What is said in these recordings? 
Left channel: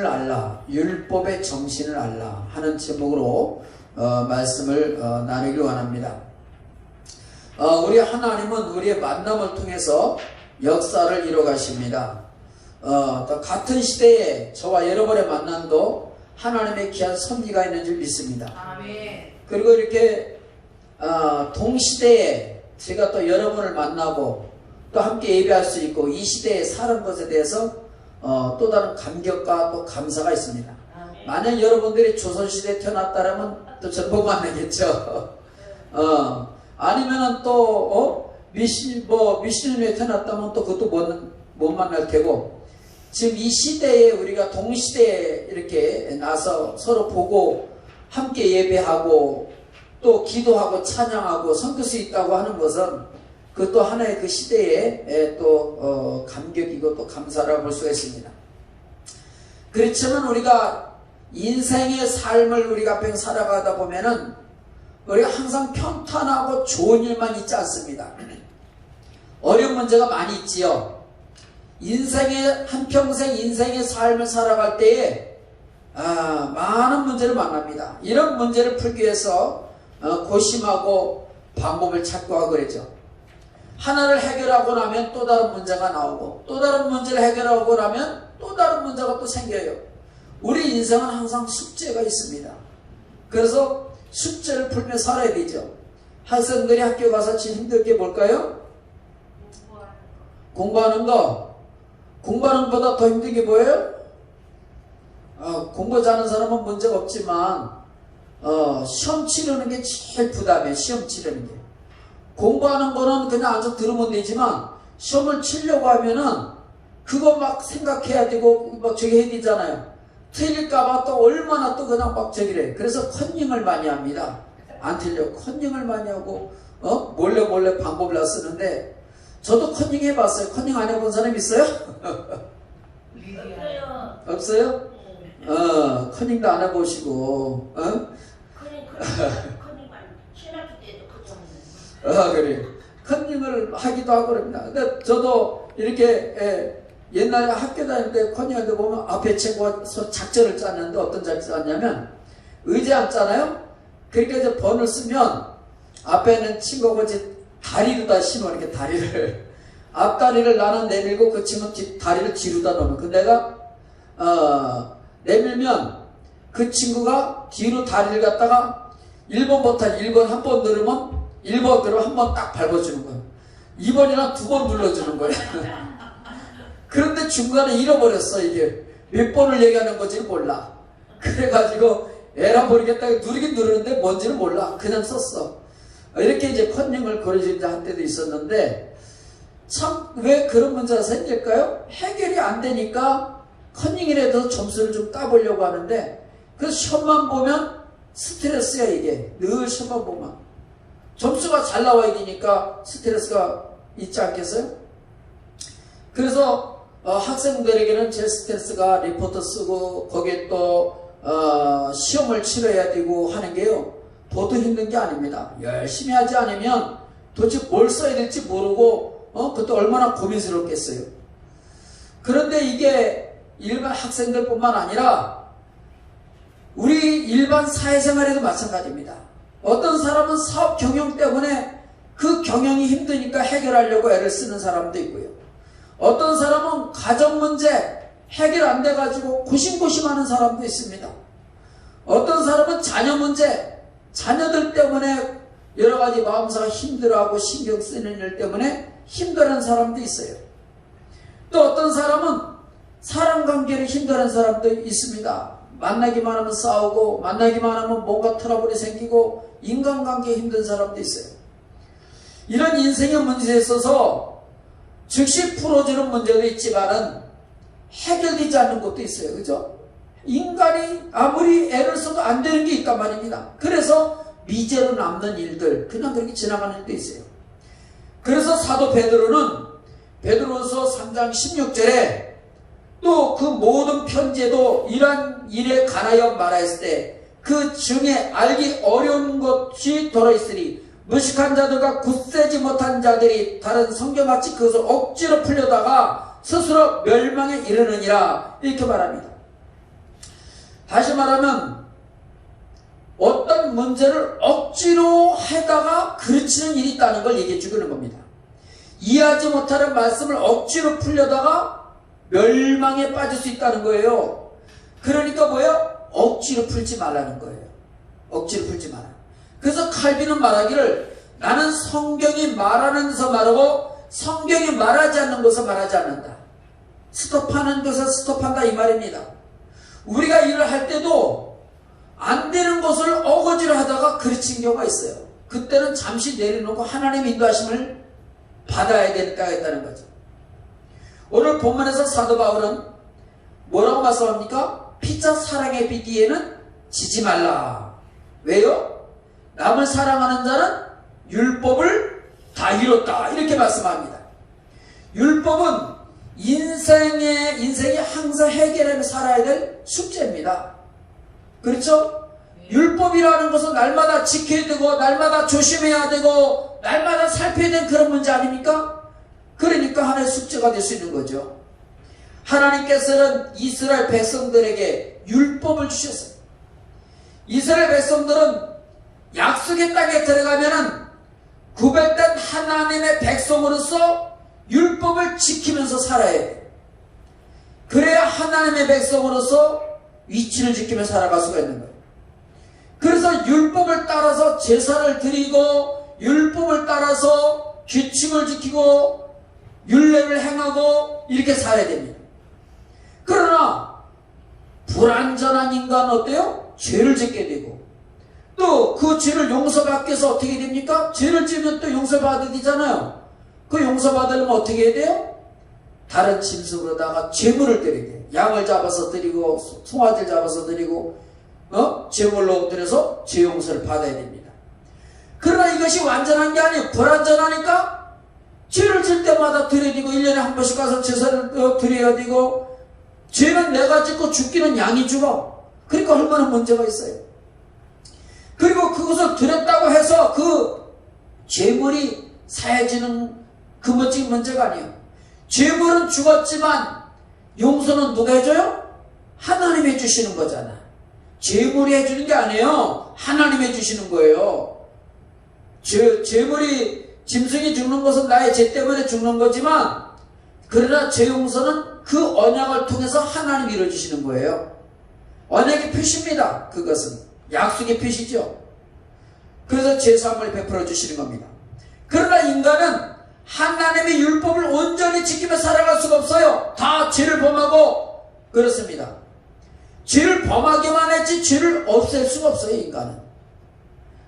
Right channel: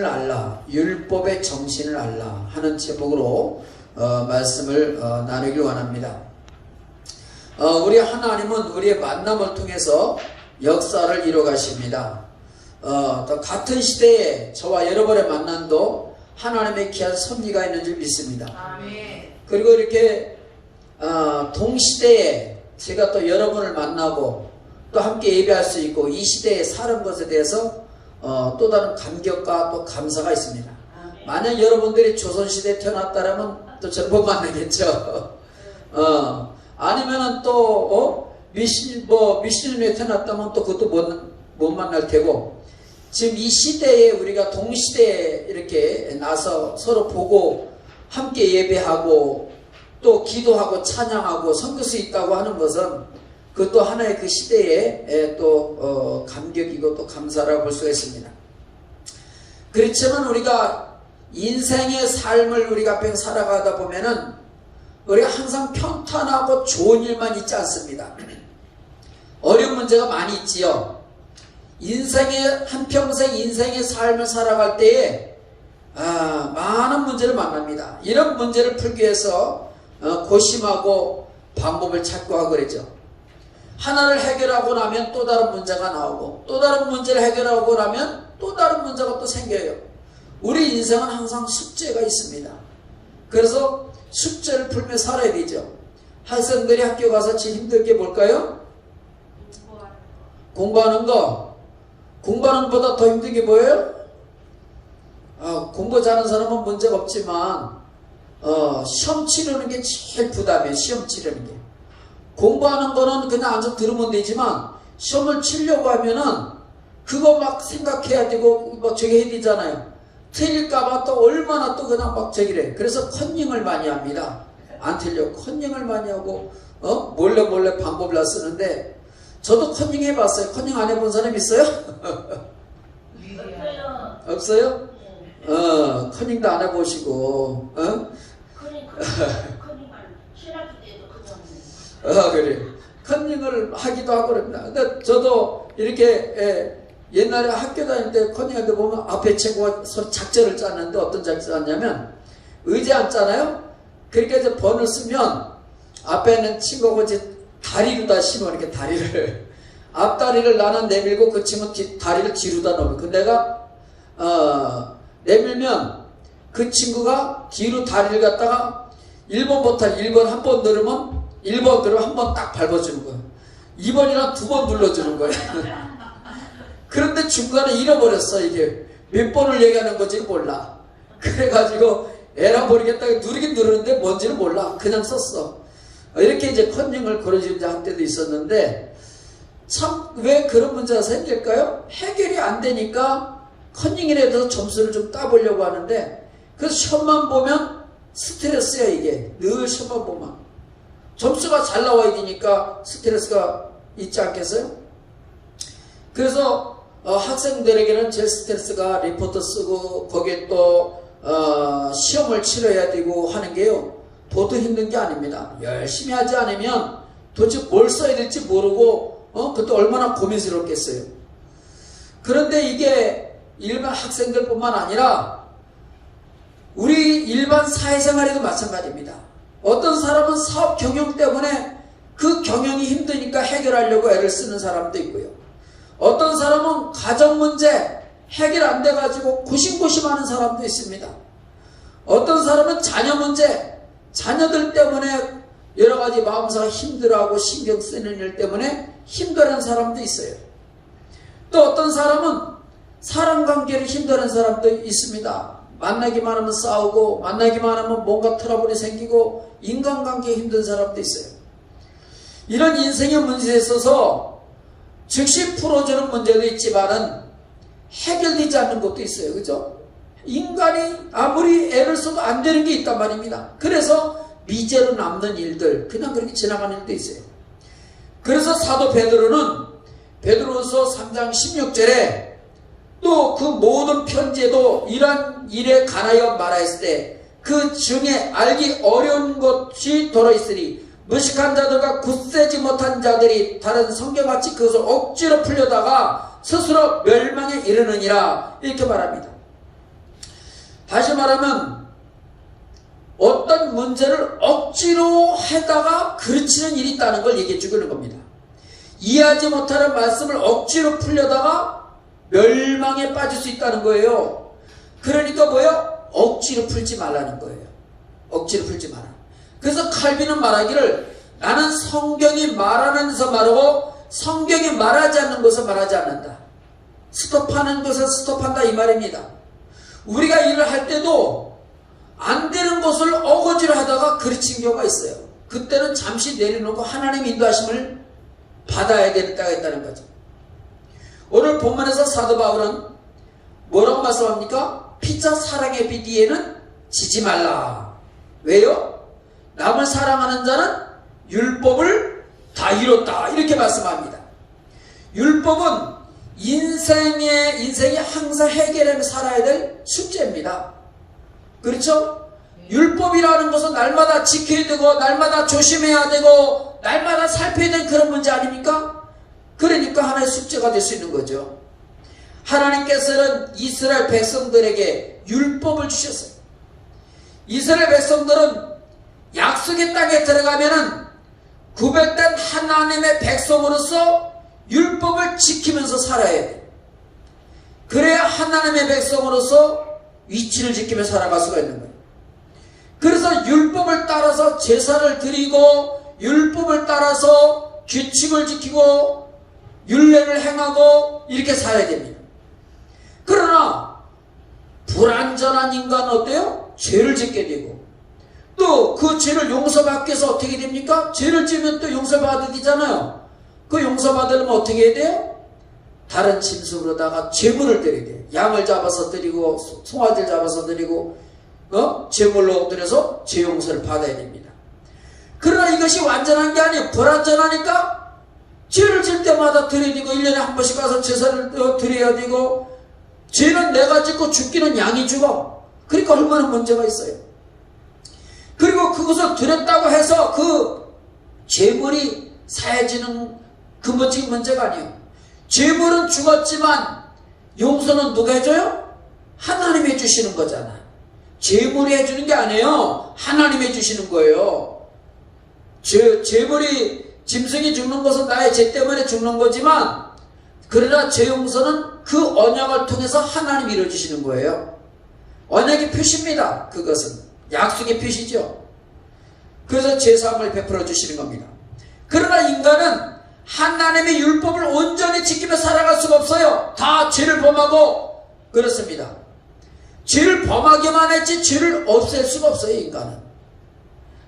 정신을 알라, 율법의 정신을 알라 하는 제목으로 말씀을 나누기 원합니다. 우리 하나님은 우리의 만남을 통해서 역사를 이뤄 가십니다. 또 같은 시대에 저와 여러분의 만남도 하나님의 귀한 섭리가 있는 줄 믿습니다. 아멘. 그리고 이렇게 동시대에 제가 또 여러분을 만나고 또 함께 예배할 수 있고 이 시대에 사는 것에 대해서 또 다른 감격과 또 감사가 있습니다. 아멘. 만약 여러분들이 조선시대에 태어났다면 또 저를 못 만나겠죠. 아니면은 또 미신님에 태어났다면 또 그것도 못 만날 테고, 지금 이 시대에 우리가 동시대에 이렇게 나서 서로 보고 함께 예배하고 또 기도하고 찬양하고 섬길 수 있다고 하는 것은 그것도 하나의 그 시대에 또 감격이고 또 감사라고 볼 수가 있습니다. 그렇지만 우리가 인생의 삶을 우리가 앞에 살아가다 보면은 우리가 항상 평탄하고 좋은 일만 있지 않습니다. 어려운 문제가 많이 있지요. 한평생 인생의 삶을 살아갈 때에 많은 문제를 만납니다. 이런 문제를 풀기 위해서 고심하고 방법을 찾고 하고 그랬죠. 하나를 해결하고 나면 또 다른 문제가 나오고 또 다른 문제를 해결하고 나면 또 다른 문제가 또 생겨요. 우리 인생은 항상 숙제가 있습니다. 그래서 숙제를 풀며 살아야 되죠. 학생들이 학교 가서 제일 힘들 게 뭘까요? 공부하는 거. 공부하는 것보다 더 힘든 게 뭐예요? 공부 잘하는 사람은 문제가 없지만 시험 치르는 게 제일 부담이에요. 시험 치르는 게. 공부하는 거는 그냥 앉아 들으면 되지만 시험을 치려고 하면은 그거 막 생각해야 되고 막 저기 해야 되잖아요. 틀릴까봐 또 얼마나 또 그냥 막 저기래. 그래서 컨닝을 많이 합니다. 안 틀려. 컨닝을 많이 하고 몰래 방법을 다 쓰는데, 저도 컨닝 해봤어요. 컨닝 안 해본 사람 있어요? 없어요? 컨닝도 안 해보시고 그래. 컨닝을 하기도 하고 그럽니다. 근데 저도 이렇게 옛날에 학교 다닐 때 컨닝할 때 보면 앞에 친구가 작전을 짰는데 어떤 작전을 짰냐면 의지 앉잖아요. 그러니까 이제 번을 쓰면 앞에는 친구가 이제 다리로 다 심어. 이렇게 다리를 앞다리를 나는 내밀고 그 친구 다리를 뒤로다 놓으면 그 내가 내밀면 그 친구가 뒤로 다리를 갖다가 1번부터 1번 한 번 누르면 1번 누르면 한 번 딱 밟아주는 거예요. 2번이랑 2번 눌러주는 거예요. 그런데 중간에 잃어버렸어. 이게 몇 번을 얘기하는 건지 몰라. 그래가지고 에라 모르겠다 누르긴 누르는데 뭔지를 몰라. 그냥 썼어. 이렇게 이제 컨닝을 그런 식으로 한 때도 있었는데, 참 왜 그런 문제가 생길까요? 해결이 안 되니까 컨닝이라도 점수를 좀 따보려고 하는데, 그래서 시험만 보면 스트레스야. 이게 늘 시험만 보면 점수가 잘 나와야 되니까 스트레스가 있지 않겠어요? 그래서 학생들에게는 제일 스트레스가 리포트 쓰고 거기에 또 시험을 치러야 되고 하는 게요, 도도 힘든 게 아닙니다. 열심히 하지 않으면 도대체 뭘 써야 될지 모르고 그것도 얼마나 고민스럽겠어요. 그런데 이게 일반 학생들뿐만 아니라 우리 일반 사회생활에도 마찬가지입니다. 어떤 사람은 사업 경영 때문에 그 경영이 힘드니까 해결하려고 애를 쓰는 사람도 있고요. 어떤 사람은 가정 문제 해결 안 돼가지고 고심고심하는 사람도 있습니다. 어떤 사람은 자녀 문제, 자녀들 때문에 여러 가지 마음사가 힘들어하고 신경 쓰는 일 때문에 힘들어하는 사람도 있어요. 또 어떤 사람은 사람관계를 힘들어하는 사람도 있습니다. 만나기만 하면 싸우고 만나기만 하면 뭔가 트러블이 생기고 인간관계에 힘든 사람도 있어요. 이런 인생의 문제에 있어서 즉시 풀어주는 문제도 있지만은 해결되지 않는 것도 있어요. 그죠? 인간이 아무리 애를 써도 안 되는 게 있단 말입니다. 그래서 미제로 남는 일들, 그냥 그렇게 지나가는 일도 있어요. 그래서 사도 베드로는 베드로서 3장 16절에 또 그 모든 편지에도 이러한 일에 관하여 말하였을 때 그 중에 알기 어려운 것이 들어있으니 무식한 자들과 굳세지 못한 자들이 다른 성경같이 그것을 억지로 풀려다가 스스로 멸망에 이르느니라, 이렇게 말합니다. 다시 말하면 어떤 문제를 억지로 하다가 그르치는 일이 있다는 걸 얘기해 주는 겁니다. 이해하지 못하는 말씀을 억지로 풀려다가 멸망에 빠질 수 있다는 거예요. 그러니까 뭐예요? 억지로 풀지 말라는 거예요. 억지로 풀지 마라. 그래서 칼빈은 말하기를 나는 성경이 말하면서 말하고 성경이 말하지 않는 것을 말하지 않는다. 스톱하는 것을 스톱한다 이 말입니다. 우리가 일을 할 때도 안 되는 것을 어거지로 하다가 그르친 경우가 있어요. 그때는 잠시 내려놓고 하나님의 인도하심을 받아야 되겠다는 거죠. 오늘 본문에서 사도 바울은 뭐라고 말씀합니까? 피차 사랑의 빛 뒤에는 지지 말라. 왜요? 남을 사랑하는 자는 율법을 다 이뤘다. 이렇게 말씀합니다. 율법은 인생이 항상 해결하며 살아야 될 숙제입니다. 그렇죠? 율법이라는 것은 날마다 지켜야 되고 날마다 조심해야 되고 날마다 살펴야 되는 그런 문제 아닙니까? 그러니까 하나의 숙제가 될 수 있는 거죠. 하나님께서는 이스라엘 백성들에게 율법을 주셨어요. 이스라엘 백성들은 약속의 땅에 들어가면은 구별된 하나님의 백성으로서 율법을 지키면서 살아야 돼. 그래야 하나님의 백성으로서 위치를 지키며 살아갈 수가 있는 거예요. 그래서 율법을 따라서 제사를 드리고 율법을 따라서 규칙을 지키고 율례를 행하고 이렇게 살아야 됩니다. 그러나 불완전한 인간은 어때요? 죄를 짓게 되고 또 그 죄를 용서받기 위해서 어떻게 됩니까? 죄를 지으면 또 용서받아야 되잖아요. 그 용서받으려면 어떻게 해야 돼요? 다른 짐승으로다가 제물을 드려야 돼요. 양을 잡아서 드리고 송아지를 잡아서 드리고 제물로 드려서 죄 용서를 받아야 됩니다. 그러나 이것이 완전한 게 아니에요. 불완전하니까 죄를 질 때마다 드려야 되고 1년에 한 번씩 가서 제사를 드려야 되고 죄는 내가 짓고 죽기는 양이 죽어. 그러니까 얼마나 문제가 있어요. 그리고 그것을 드렸다고 해서 그 죄물이 사해지는 그 멋진 문제가 아니에요. 죄물은 죽었지만 용서는 누가 해줘요? 하나님이 해주시는 거잖아. 죄물이 해주는 게 아니에요. 하나님이 해주시는 거예요. 죄물이 짐승이 죽는 것은 나의 죄 때문에 죽는 거지만 그러나 죄 용서는 그 언약을 통해서 하나님이 이루어주시는 거예요. 언약의 표시입니다. 그것은 약속의 표시죠. 그래서 죄사함을 베풀어 주시는 겁니다. 그러나 인간은 하나님의 율법을 온전히 지키며 살아갈 수가 없어요. 다 죄를 범하고 그렇습니다. 죄를 범하기만 했지 죄를 없앨 수가 없어요. 인간은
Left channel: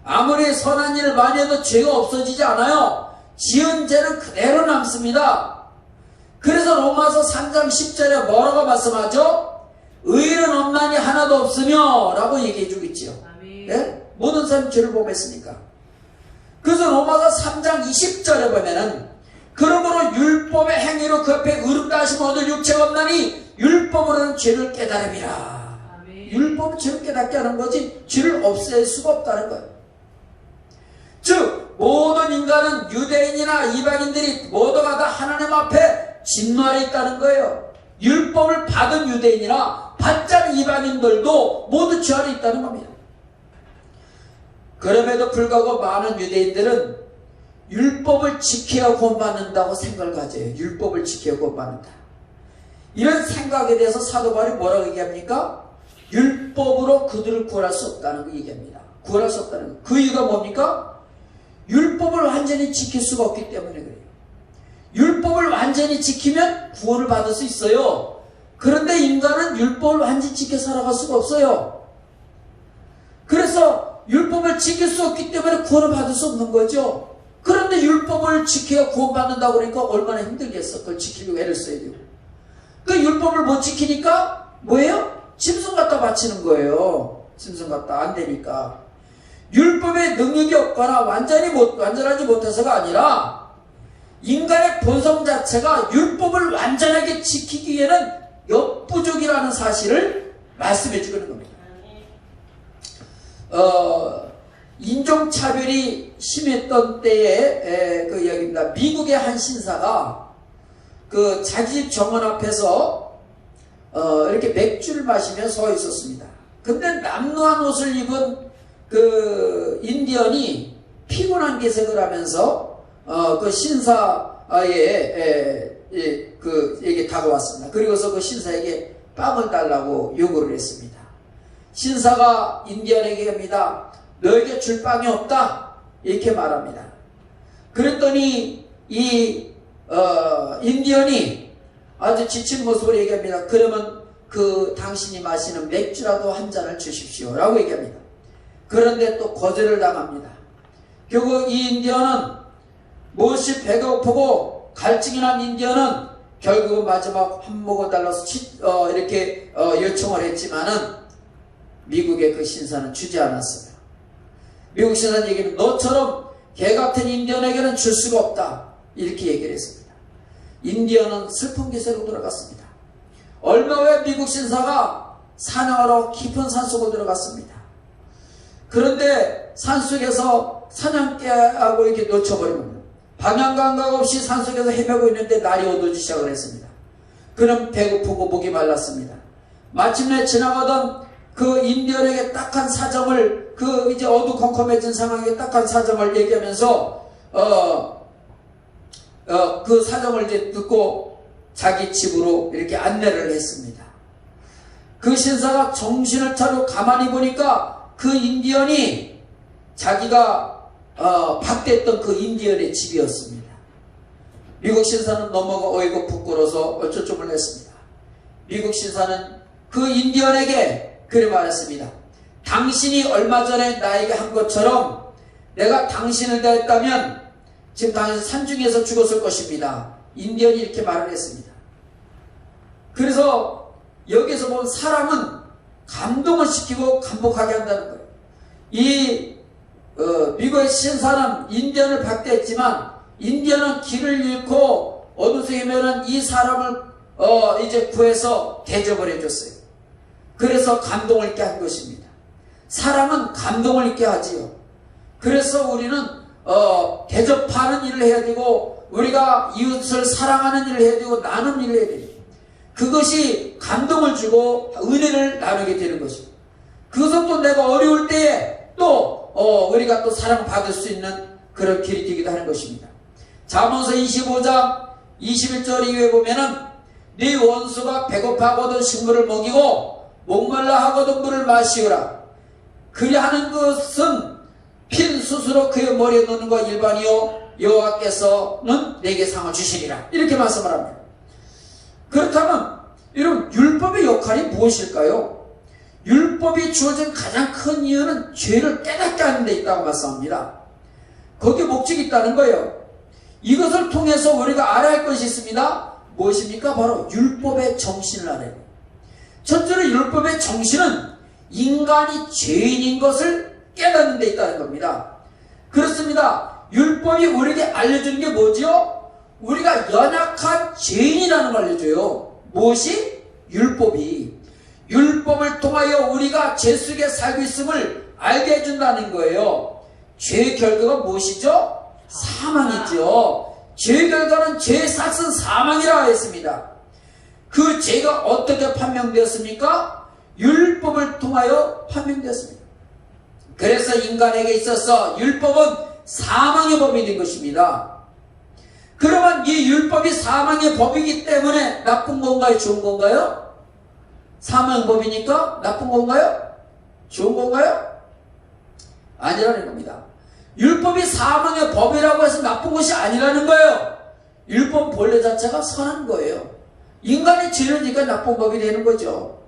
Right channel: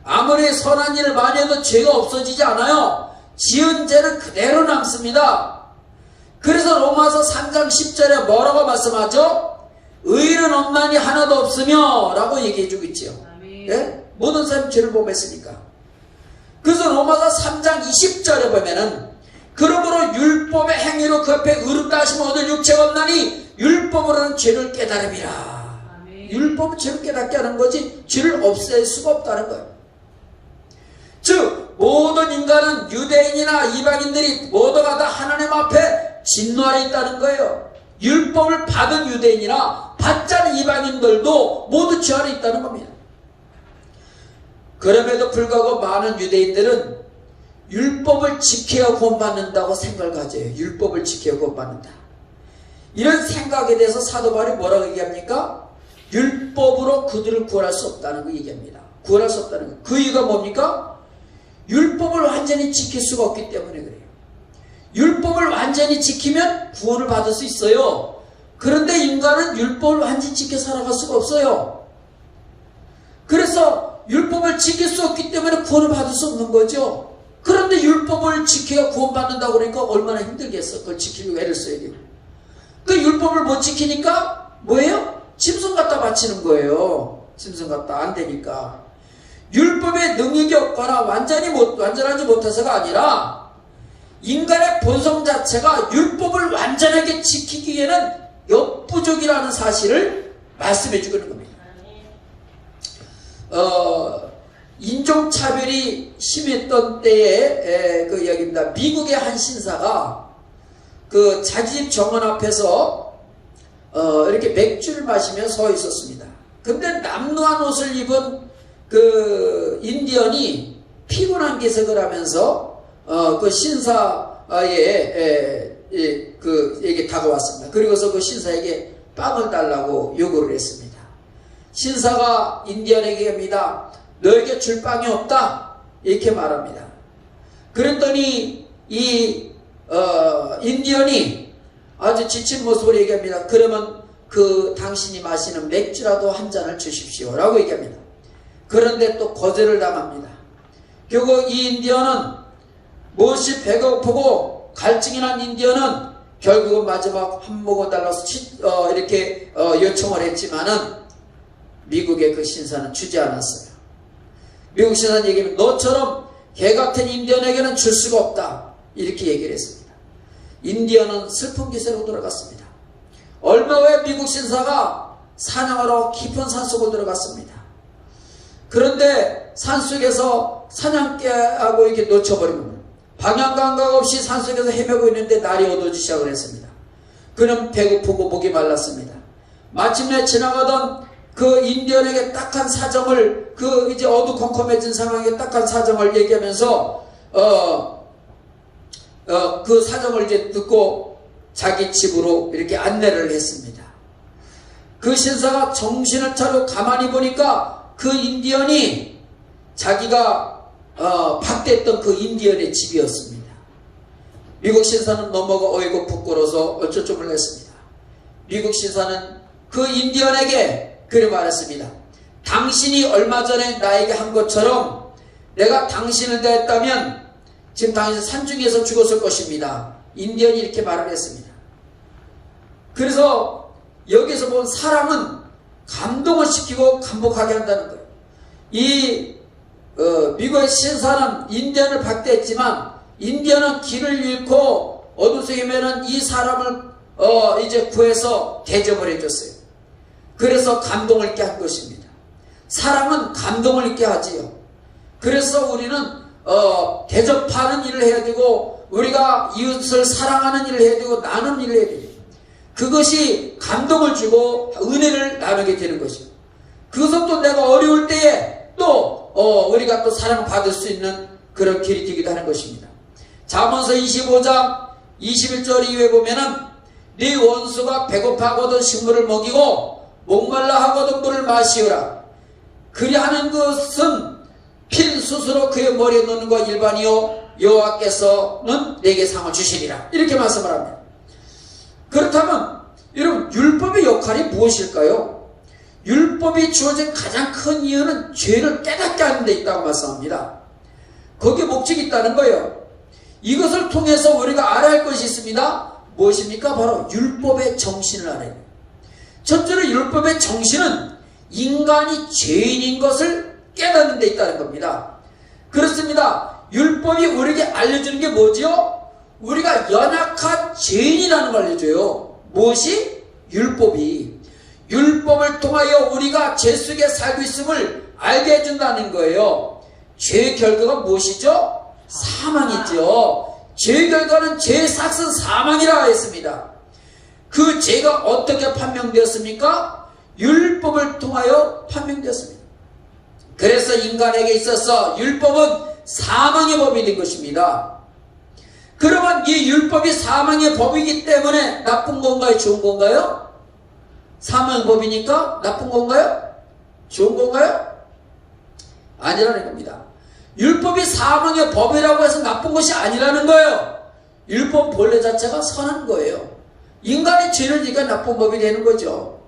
아무리 선한 일을 많이 해도 죄가 없어지지 않아요. 지은 죄는 그대로 남습니다. 그래서 로마서 3장 10절에 뭐라고 말씀하죠? 의인은 없나니 하나도 없으며 라고 얘기해 주고 있지요. 예? 모든 사람이 죄를 범했으니까. 그래서 로마서 3장 20절에 보면은 그러므로 율법의 행위로 그 앞에 의롭다 하심을 얻을 육체가 없나니 율법으로는 죄를 깨달음이라. 율법은 죄를 깨닫게 하는 거지 죄를 없앨 수가 없다는 거예요. 즉 모든 인간은 유대인이나 이방인들이 모두가 다 하나님 앞에 진노 아래 있다는 거예요. 율법을 받은 유대인이나 받지 않은 이방인들도 모두 죄 아래 있다는 겁니다. 그럼에도 불구하고 많은 유대인들은 율법을 지켜야 구원받는다고 생각을 가져요. 율법을 지켜야 구원받는다. 이런 생각에 대해서 사도 바울이 뭐라고 얘기합니까? 율법으로 그들을 구원할 수 없다는 거 얘기합니다. 구원할 수 없다는 거. 그 이유가 뭡니까? 율법을 완전히 지킬 수가 없기 때문에 그래요. 율법을 완전히 지키면 구원을 받을 수 있어요. 그런데 인간은 율법을 완전히 지켜 살아갈 수가 없어요. 그래서 율법을 지킬 수 없기 때문에 구원을 받을 수 없는 거죠. 그런데 율법을 지켜야 구원받는다고 그러니까 얼마나 힘들겠어. 그걸 지키려고 애를 써야 돼요. 그 율법을 못 지키니까 뭐예요? 짐승 갖다 바치는 거예요. 짐승 갖다 안 되니까. 율법의 능력이 없거나 완전하지 못해서가 아니라 인간의 본성 자체가 율법을 완전하게 지키기 위해는 역부족이라는 사실을 말씀해 주고 있는 겁니다. 인종차별이 심했던 때에 그 이야기입니다. 미국의 한 신사가 그 자기 집 정원 앞에서 이렇게 맥주를 마시며 서 있었습니다. 근데 남루한 옷을 입은 그 인디언이 피곤한 기색을 하면서 그 신사에 에게 다가왔습니다. 그리고서 그 신사에게 빵을 달라고 요구를 했습니다. 신사가 인디언에게 합니다. 너에게 줄 빵이 없다 이렇게 말합니다. 그랬더니 이 인디언이 아주 지친 모습으로 얘기합니다. 그러면 그 당신이 마시는 맥주라도 한 잔을 주십시오 라고 얘기합니다. 그런데 또 거절을 당합니다. 결국 이 인디언은 무엇이 배고프고 갈증이 난 인디언은 결국은 마지막 한 모금 달라서 이렇게 요청을 했지만은 미국의 그 신사는 주지 않았어요. 미국 신사는 얘기합니다. 너처럼 개 같은 인디언에게는 줄 수가 없다 이렇게 얘기를 했습니다. 인디언은 슬픈 기세로 돌아갔습니다. 얼마 후에 미국 신사가 사냥하러 깊은 산속으로 들어갔습니다. 그런데 산속에서 사냥개하고 이렇게 놓쳐버리면 방향 감각 없이 산속에서 헤매고 있는데 날이 어두워지기 시작을 했습니다. 그는 배고프고 목이 말랐습니다. 마침내 지나가던 그 인디언에게 딱한 사정을 이제 어두컴컴해진 상황에 딱한 사정을 얘기하면서 그 사정을 이제 듣고 자기 집으로 이렇게 안내를 했습니다. 그 신사가 정신을 차려 가만히 보니까 그 인디언이 자기가 박대했던 그 인디언의 집이었습니다. 미국 신사는 넘어가 어이고 부끄러워서 어쩔 줄 몰랐습니다. 미국 신사는 그 인디언에게 그래 말했습니다. 당신이 얼마 전에 나에게 한 것처럼 내가 당신을 대했다면 지금 당신 산중에서 죽었을 것입니다. 인디언이 이렇게 말을 했습니다. 그래서 여기서 보면 사람은 감동을 시키고 감복하게 한다는 거예요. 이 미국의 신사는 인디언을 박대했지만 인디언은 길을 잃고 어둠 속에 헤매는 이 사람을 이제 구해서 대접을 해줬어요. 그래서 감동을 있게 한 것입니다. 사람은 감동을 있게 하지요. 그래서 우리는 대접하는 일을 해야 되고 우리가 이웃을 사랑하는 일을 해야 되고 나누는 일을 해야 됩니다. 그것이 감동을 주고 은혜를 나누게 되는 것입니다. 그것은 또 내가 어려울 때에 또 우리가 또 사랑받을 수 있는 그런 길이 되기도 하는 것입니다. 잠언서 25장 21절 이후에 보면은 네 원수가 배고파하거든 식물을 먹이고 목말라 하거든 물을 마시오라. 그리하는 것은 핀 숯으로 그의 머리에 넣는 것 일반이요 여호와께서는 내게 상을 주시리라. 이렇게 말씀을 합니다. 그렇다면 여러분 율법의 역할이 무엇일까요? 율법이 주어진 가장 큰 이유는 죄를 깨닫게 하는 데 있다고 말씀합니다. 거기에 목적이 있다는 거예요. 이것을 통해서 우리가 알아야 할 것이 있습니다. 무엇입니까? 바로 율법의 정신을 알아야 돼요. 첫째로 율법의 정신은 인간이 죄인인 것을 깨닫는 데 있다는 겁니다. 그렇습니다. 율법이 우리에게 알려주는 게 뭐죠? 우리가 연약한 죄인이라는 걸 알려줘요. 무엇이? 율법이. 율법을 통하여 우리가 죄 속에 살고 있음을 알게 해준다는 거예요. 죄의 결과가 무엇이죠? 사망이죠. 죄의 결과는 죄의 삭은 사망이라고 했습니다. 그 죄가 어떻게 판명되었습니까? 율법을 통하여 판명되었습니다. 그래서 인간에게 있어서 율법은 사망의 법이 된 것입니다. 그러면 이 율법이 사망의 법이기 때문에 나쁜 건가요? 좋은 건가요? 사망의 법이니까 나쁜 건가요? 좋은 건가요? 아니라는 겁니다. 율법이 사망의 법이라고 해서 나쁜 것이 아니라는 거예요. 율법 본래 자체가 선한 거예요. 인간이 죄를 지니까 나쁜 법이 되는 거죠.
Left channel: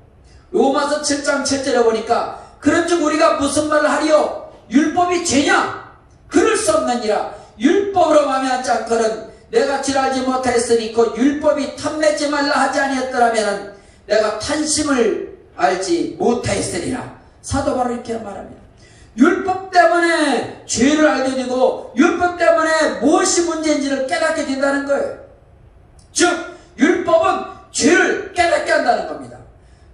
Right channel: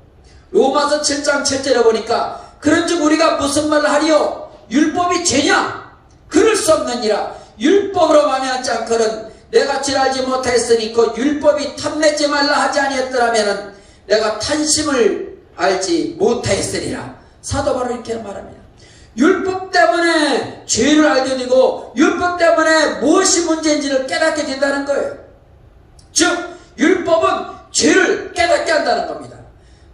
로마서 7장 7절에 보니까 그런즉 우리가 무슨 말을 하리요? 율법이 죄냐? 그럴 수 없느니라. 율법으로 말미암지 않거든 내가 질 알지 못하였으니 그 율법이 탐내지 말라 하지 아니었더라면 내가 탄심을 알지 못하였으리라. 사도 바로 이렇게 말합니다. 율법 때문에 죄를 알게 되고 율법 때문에 무엇이 문제인지를 깨닫게 된다는 거예요. 즉 율법은 죄를 깨닫게 한다는 겁니다.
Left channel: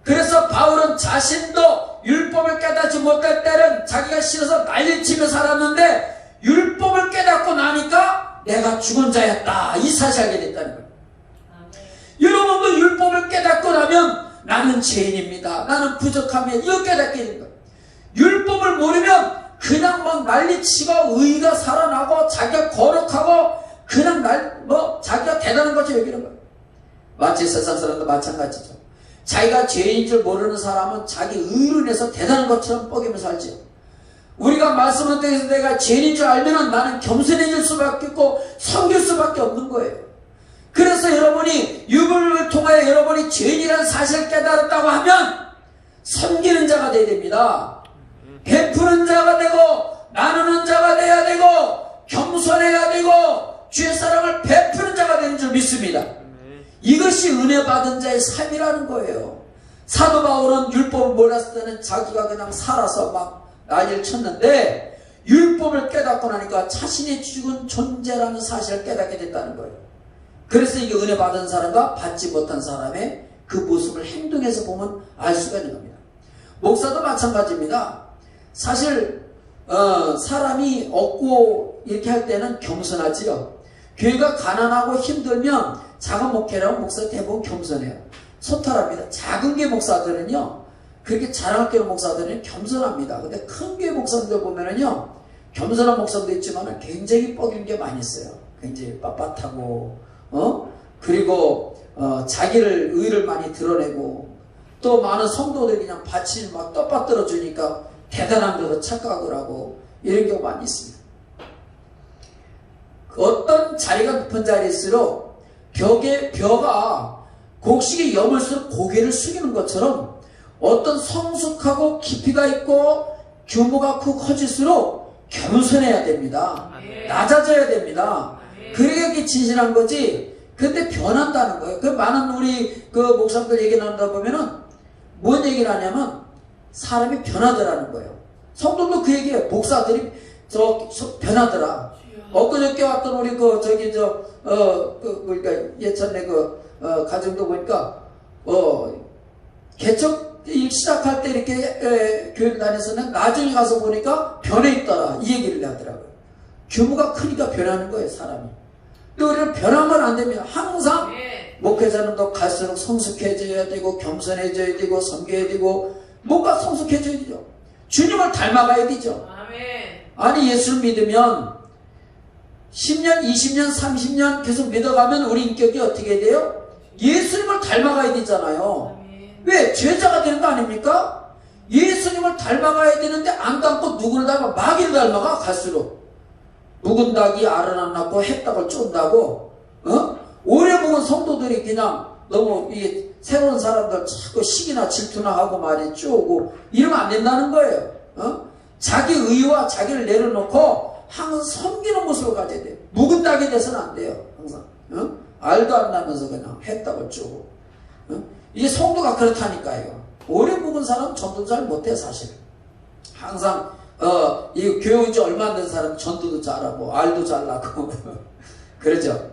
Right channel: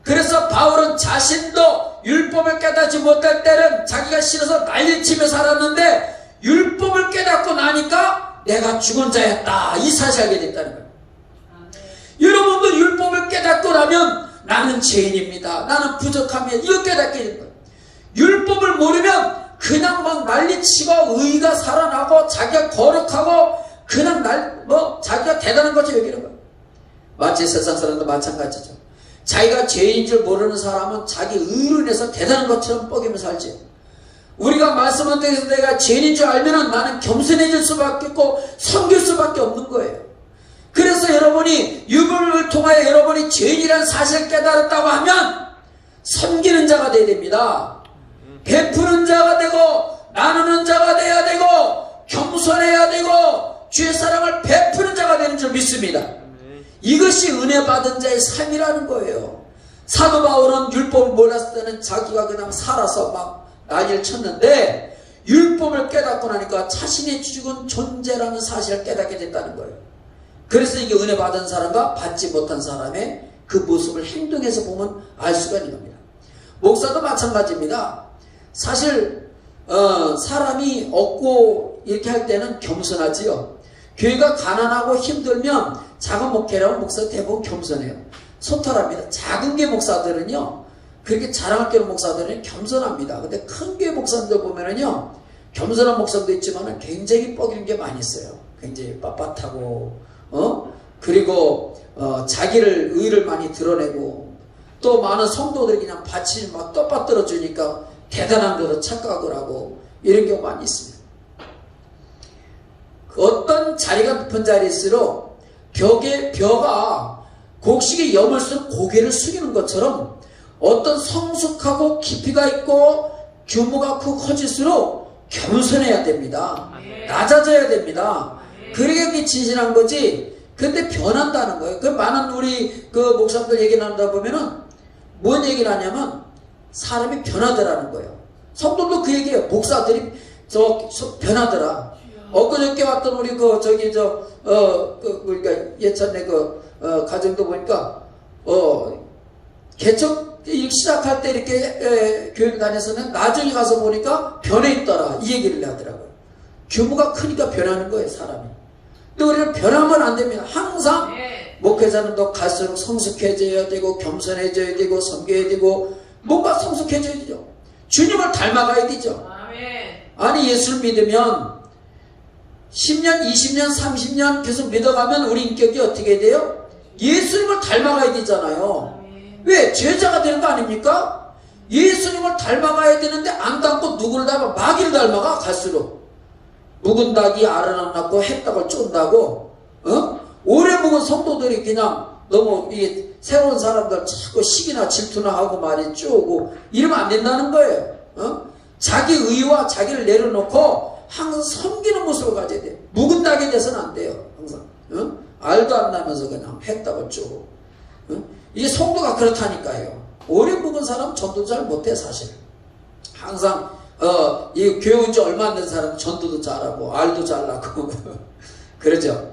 그래서 바울은 자신도 율법을 깨닫지 못할 때는 자기가 싫어서 난리치며 살았는데 율법을 깨닫고 나니까 내가 죽은 자였다 이 사실을 알게 됐다는 거예요. 여러분도 율법을 깨닫고 나면 나는 죄인입니다. 나는 부족합니다. 이거 깨닫게 된다. 율법을 모르면 그냥 막 난리치고 의가 살아나고 자기가 거룩하고 그냥 자기가 대단한 것처럼 여기는 거야. 마치 세상 사람도 마찬가지죠. 자기가 죄인 줄 모르는 사람은 자기 의로 인해서 대단한 것처럼 뻐기며 살지요. 우리가 말씀을 통해서 내가 죄인인 줄 알면 나는 겸손해질 수밖에 없고 섬길 수밖에 없는 거예요. 그래서 여러분이 율법을 통하여 여러분이 죄인이라는 사실을 깨달았다고 하면 섬기는 자가 되어야 됩니다. 베푸는 자가 되고 나누는 자가 되어야 되고 겸손해야 되고 주의 사랑을 베푸는 자가 되는 줄 믿습니다. 이것이 은혜 받은 자의 삶이라는 거예요. 사도 바울은 율법을 몰랐을 때는 자기가 그냥 살아서 막 난리를 쳤는데 율법을 깨닫고 나니까 자신이 죽은 존재라는 사실을 깨닫게 됐다는 거예요. 그래서 이게 은혜 받은 사람과 받지 못한 사람의 그 모습을 행동에서 보면 알 수가 있는 겁니다. 목사도 마찬가지입니다. 사실 사람이 얻고 이렇게 할 때는 겸손하지요. 교회가 가난하고 힘들면 작은 목회라면 목사 대부분 겸손해요. 소탈합니다. 작은 교회 목사들은요, 그렇게 자랑할 게 없는 목사들은 겸손합니다. 근데 큰 교회 목사들 보면은요, 겸손한 목사도 있지만 굉장히 뻐기는 게 많이 있어요. 굉장히 빳빳하고, 그리고 자기를 의를 많이 드러내고, 또 많은 성도들이 그냥 밭이 막 떠받들어 주니까 대단한 것도 착각을 하고 이런 경우가 많이 있습니다. 어떤 자리가 높은 자리일수록 벼가 곡식이 여물수록 고개를 숙이는 것처럼 어떤 성숙하고 깊이가 있고 규모가 크고 커질수록 겸손해야 됩니다. 낮아져야 됩니다. 그게 진실한 거지. 근데 변한다는 거예요. 그 많은 우리 그 목사님들 얘기 나누다 보면은 뭔 얘기를 하냐면 사람이 변하더라는 거예요. 성도도 그 얘기예요. 목사들이 변하더라. 엊그저께 왔던 우리 그러니까 예전에 가정도 보니까 개척 일 시작할 때 이렇게 교회 다녔었는데 나중에 가서 보니까 변해 있더라. 이 얘기를 하더라고요. 규모가 크니까 변하는 거예요, 사람이. 근데 우리는 변하면 안 됩니다. 항상 목회자는 더 갈수록 성숙해져야 되고 겸손해져야 되고 섬겨야 되고 뭔가 성숙해져야 되죠. 주님을 닮아가야 되죠. 아니 예수를 믿으면 10년, 20년, 30년 계속 믿어가면 우리 인격이 어떻게 돼요? 예수님을 닮아가야 되잖아요. 왜? 제자가 되는 거 아닙니까? 예수님을 닮아가야 되는데 안 닮고 누구를 닮아? 마귀를 닮아가 갈수록. 묵은 닭이 알을 안 낳고 햇닭을 쫀다고 오래 묵은 성도들이 그냥 너무 이 새로운 사람들 자꾸 시기나 질투나 하고 말이 쪼고 이러면 안 된다는 거예요. 자기 의와 자기를 내려놓고 항상 섬기는 모습을 가져야 돼요. 묵은 닭이 돼서는 안 돼요. 항상 알도 안 나면서 그냥 햇닭을 쪼고 이게 성도가 그렇다니까요. 오래 묵은 사람은 전도 잘 못해 사실. 항상 이 교회 온 지 얼마 안 된 사람 전도도 잘하고 알도 잘나고 그러죠.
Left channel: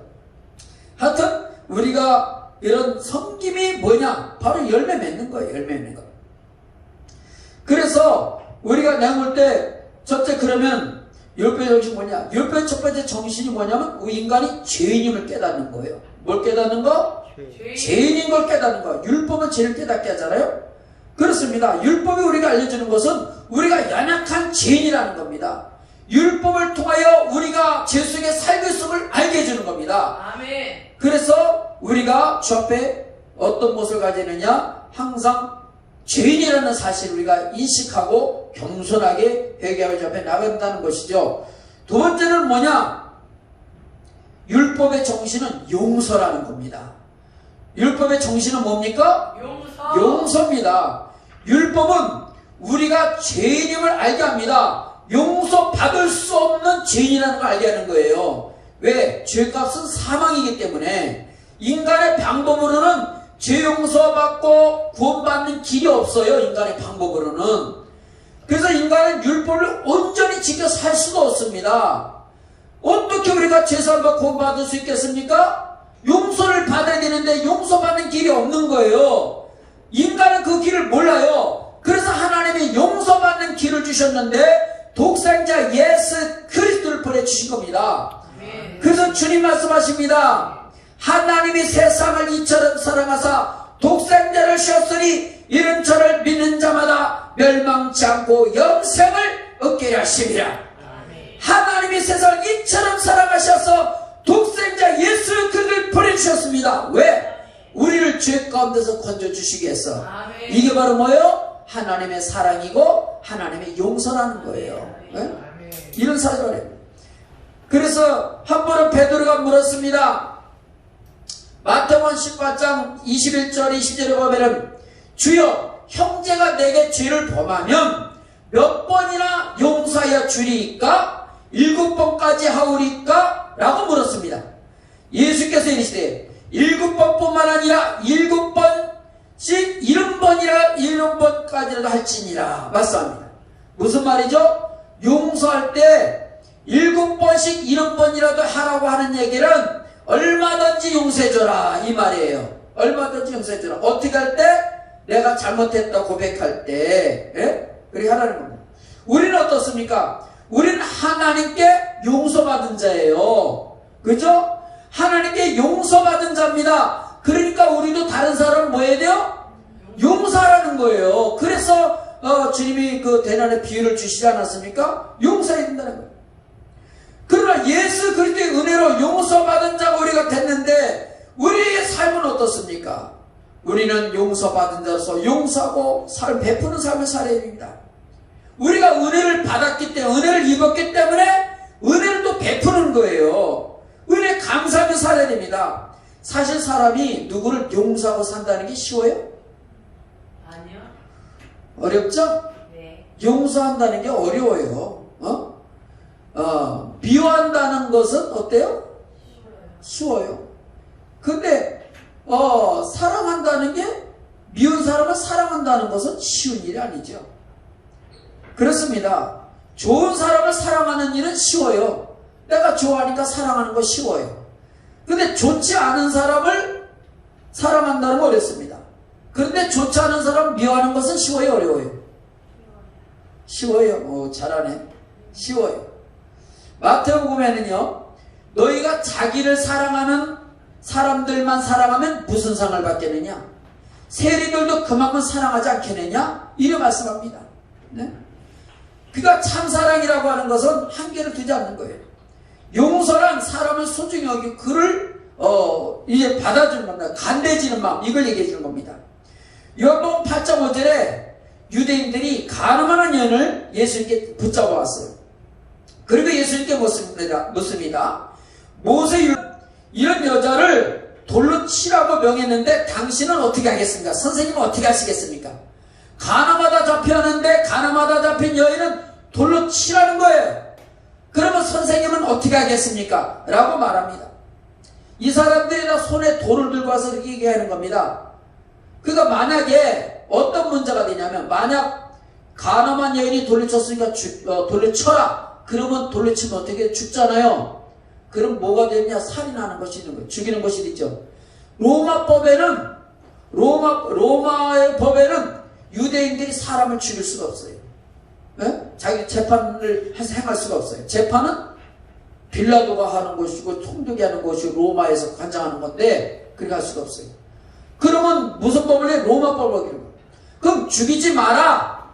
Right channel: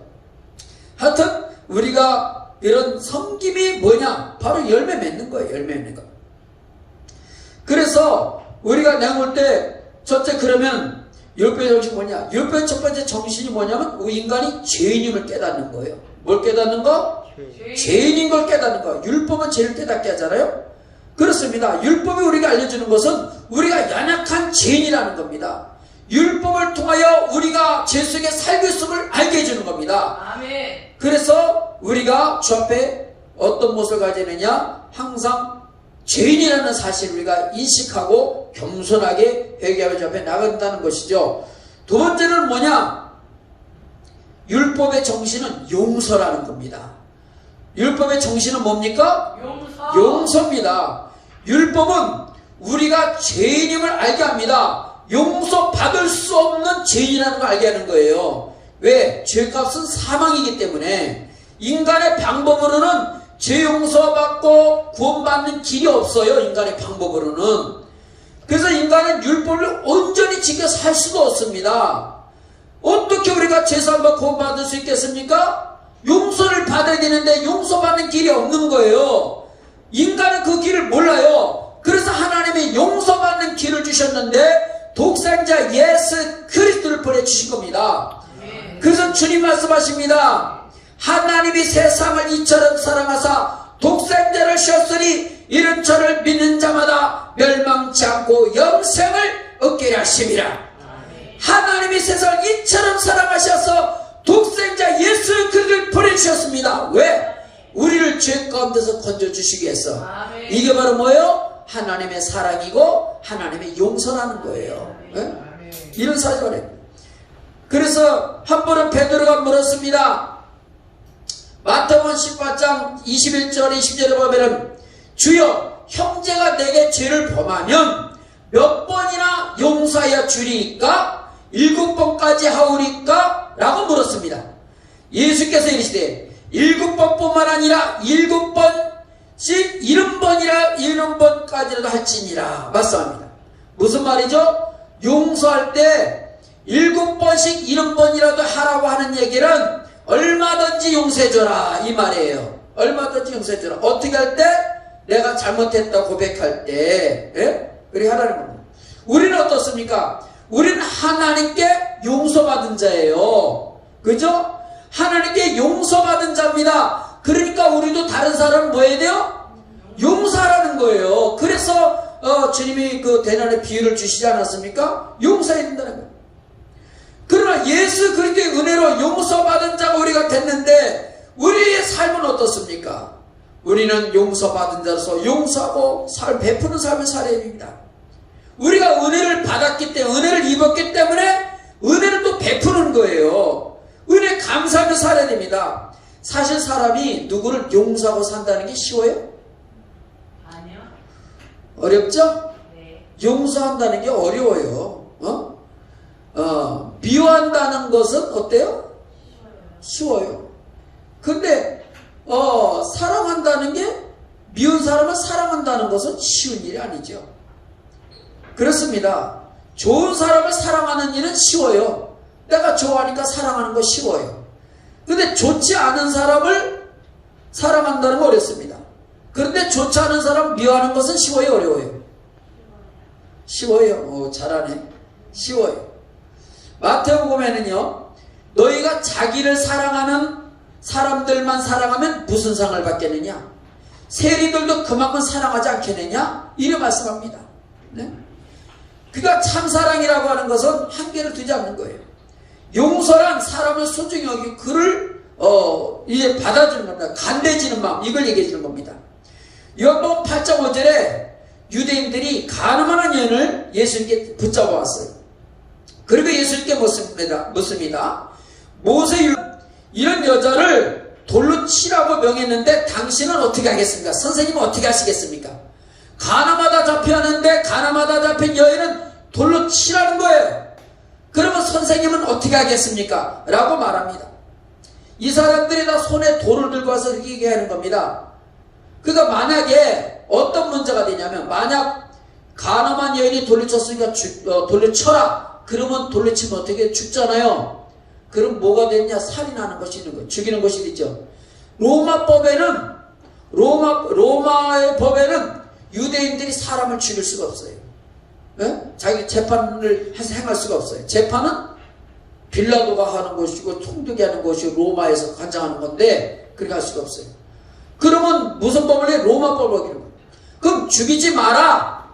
하여튼 우리가 이런 섬김이 뭐냐? 바로 열매 맺는 거예요. 열매 맺는 거. 그래서 우리가 내가 볼 때 첫째 그러면 율법의 정신이 뭐냐? 율법의 첫 번째 정신이 뭐냐면 우리 인간이 죄인임을 깨닫는 거예요. 뭘 깨닫는 거? 죄인인 걸 깨닫는 거. 율법은 죄를 깨닫게 하잖아요. 그렇습니다. 율법이 우리가 알려주는 것은 우리가 연약한 죄인이라는 겁니다. 율법을 통하여 우리가 죄 속에 살고 있음을 알게 해주는 겁니다. 아멘. 그래서 우리가 주 앞에 어떤 모습을 가져야 되느냐? 항상 죄인이라는 사실을 우리가 인식하고 겸손하게 회개하며 주 앞에 나간다는 것이죠. 두 번째는 뭐냐? 율법의 정신은 용서라는 겁니다. 율법의 정신은 뭡니까? 용서입니다. 율법은 우리가 죄인임을 알게 합니다. 용서받을 수 없는 죄인이라는 걸 알게 하는 거예요. 왜? 죄값은 사망이기 때문에 인간의 방법으로는 죄 용서받고 구원받는 길이 없어요. 인간의 방법으로는. 그래서 인간은 율법을 온전히 지켜 살 수가 없습니다. 어떻게 우리가 죄사함과 구원받을 수 있겠습니까? 용서를 받아야 되는데 용서받는 길이 없는 거예요. 인간은 그 길을 몰라요. 그래서 하나님이 용서받는 길을 주셨는데 독생자 예수 그리스도를 보내주신 겁니다. 그래서 주님 말씀하십니다. 하나님이 세상을 이처럼 사랑하사 독생자를 씌웠으니 이런 저를 믿는 자마다 멸망치 않고 영생을 얻게 하심이라. 하나님이 세상을 이처럼 사랑하셔서 독생자 예수 그리스도를 보내주셨습니다. 왜? 우리를 죄 가운데서 건져주시기 위해서. 이게 바로 뭐예요? 하나님의 사랑이고 하나님의 용서라는 거예요. 네? 이런 사실이에요. 그래서 한 번은 베드로가 물었습니다. 마태복음 18장 21절 20절에 보면은 주여 형제가 내게 죄를 범하면 몇 번이나 용서하여 주리이까? 7번까지 하오리까? 라고 물었습니다. 예수께서 이르시되 7번뿐만 아니라 7번씩 70번까지라도 할지니라 말씀합니다. 무슨 말이죠? 용서할 때 7번씩 70번이라도 하라고 하는 얘기는 얼마든지 용서해줘라 이 말이에요. 얼마든지 용서해줘라. 어떻게 할 때? 내가 잘못했다 고백할 때, 예? 그렇게 하라는 겁니다. 우리는 어떻습니까? 우리는 하나님께 용서받은 자예요. 그죠? 하나님께 용서받은 자입니다. 그러니까 우리도 다른 사람을 뭐 해야 돼요? 용서하라는 거예요. 그래서 주님이 그 대난의 비유를 주시지 않았습니까? 용서해야 된다는 거예요. 그러나 예수 그리스도의 은혜로 용서받은 자가 우리가 됐는데 우리의 삶은 어떻습니까? 우리는 용서받은 자로서 용서하고 베푸는 삶을 살아야 됩니다. 우리가 은혜를 받았기 때문에, 은혜를 입었기 때문에 은혜를 또 베푸는 거예요. 은혜 감사하며 살아야 됩니다. 사실 사람이 누구를 용서하고 산다는 게 쉬워요? 아니요. 어렵죠? 네. 용서한다는 게 어려워요. 미워한다는 것은 어때요? 쉬워요. 근데 사랑한다는 게 미운 사람을 사랑한다는 것은 쉬운 일이 아니죠. 그렇습니다. 좋은 사람을 사랑하는 일은 쉬워요. 내가 좋아하니까 사랑하는 거 쉬워요. 근데 좋지 않은 사람을 사랑한다는 건 어렵습니다. 그런데 좋지 않은 사람 미워하는 것은 쉬워요, 어려워요? 쉬워요. 잘하네. 쉬워요. 마태복음에는요, 너희가 자기를 사랑하는 사람들만 사랑하면 무슨 상을 받겠느냐? 세리들도 그만큼 사랑하지 않겠느냐? 이래 말씀합니다. 네? 그러니까 참사랑이라고 하는 것은 한계를 두지 않는 거예요. 용서란 사람을 소중히 여기고 그를 이제 받아주는 겁니다. 간대지는 마음, 이걸 얘기해 주는 겁니다. 요한복음 8장 5절에 유대인들이 가늠하는 여인을 예수님께 붙잡아 왔어요. 그리고 예수님께 묻습니다. 모세 이런 여자를 돌로 치라고 명했는데 당신은 어떻게 하겠습니까? 선생님은 어떻게 하시겠습니까? 가늠하다 잡혔는데 가늠하다 잡힌 여인은 돌로 치라는 거예요. 그러면 선생님은 어떻게 하겠습니까? 라고 말합니다. 이 사람들이 다 손에 돌을 들고 와서 이렇게 얘기하는 겁니다. 그러니까 만약에 어떤 문제가 되냐면 만약 가늠한 여인이 돌로 쳤으니까 돌로 쳐라. 그러면 돌로 치면 어떻게 죽잖아요. 그럼 뭐가 됐냐? 살인하는 것이 있는 거예요. 죽이는 것이 있죠. 로마의 법에는 유대인들이 사람을 죽일 수가 없어요. 네? 자기 재판을 행할 수가 없어요. 재판은 빌라도가 하는 것이고 통독이 하는 것이고 로마에서 관장하는 건데 그렇게 할 수가 없어요. 그러면 무슨 법을 해? 로마 법을 어기는 거예요. 그럼 죽이지 마라.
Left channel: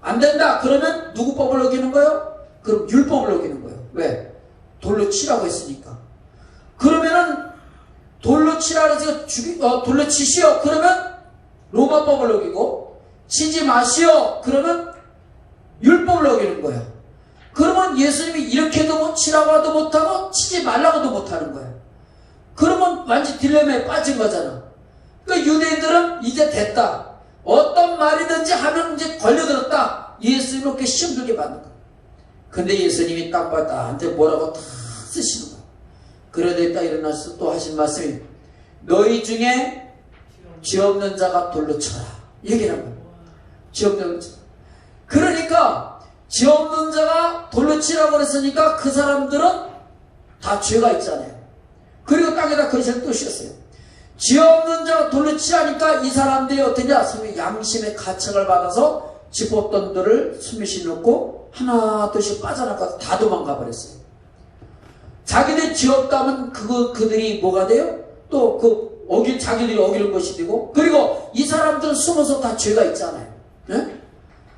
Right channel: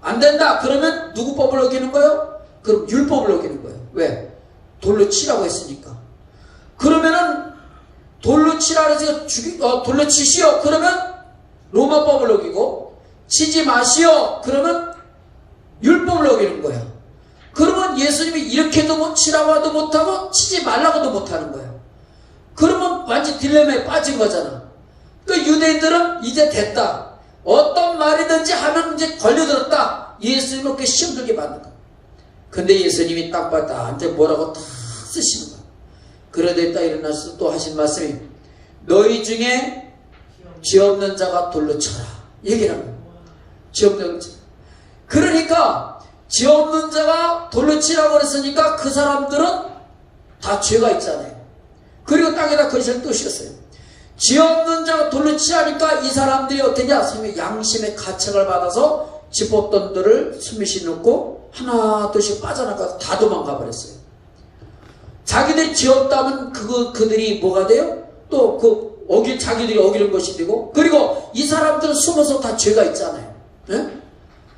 안 된다. 그러면 누구 법을 어기는 거예요? 그럼 율법을 어기는 거예요. 왜? 돌로 치라고 했으니까. 그러면은 돌로 치라고 해서 돌로 치시오. 그러면 로마법을 어기고 치지 마시오. 그러면 율법을 어기는 거야. 그러면 예수님이 이렇게도 못 치라고 하도 못하고 치지 말라고도 못하는 거야. 그러면 완전 딜레마에 빠진 거잖아. 그러니까 유대인들은 이제 됐다. 어떤 말이든지 하면 이제 걸려들었다. 예수님을 그렇게 시험 들게 받는 거야. 근데 예수님이 딱 봐, 나한테 뭐라고 다 쓰시는 거야. 그러다 있다 일어나서 또 하신 말씀이 너희 중에 죄 없는 자가 돌로 쳐라. 얘기를 하는 거야. 죄 없는 자. 그러니까 죄 없는 자가 돌로 치라고 그랬으니까 그 사람들은 다 죄가 있잖아요. 그리고 땅에다 그릇을 뜨셨어요. 죄 없는 자가 돌로 치라니까 이 사람들이 어떠냐? 양심의 가책을 받아서 집었던들을 숨미시 놓고 하나 둘씩 빠져나가서 다 도망가 버렸어요. 자기들이 죄 없다면 그들이 뭐가 돼요? 또 자기들이 어기는 것이 되고, 그리고 이 사람들은 숨어서 다 죄가 있잖아요. 네?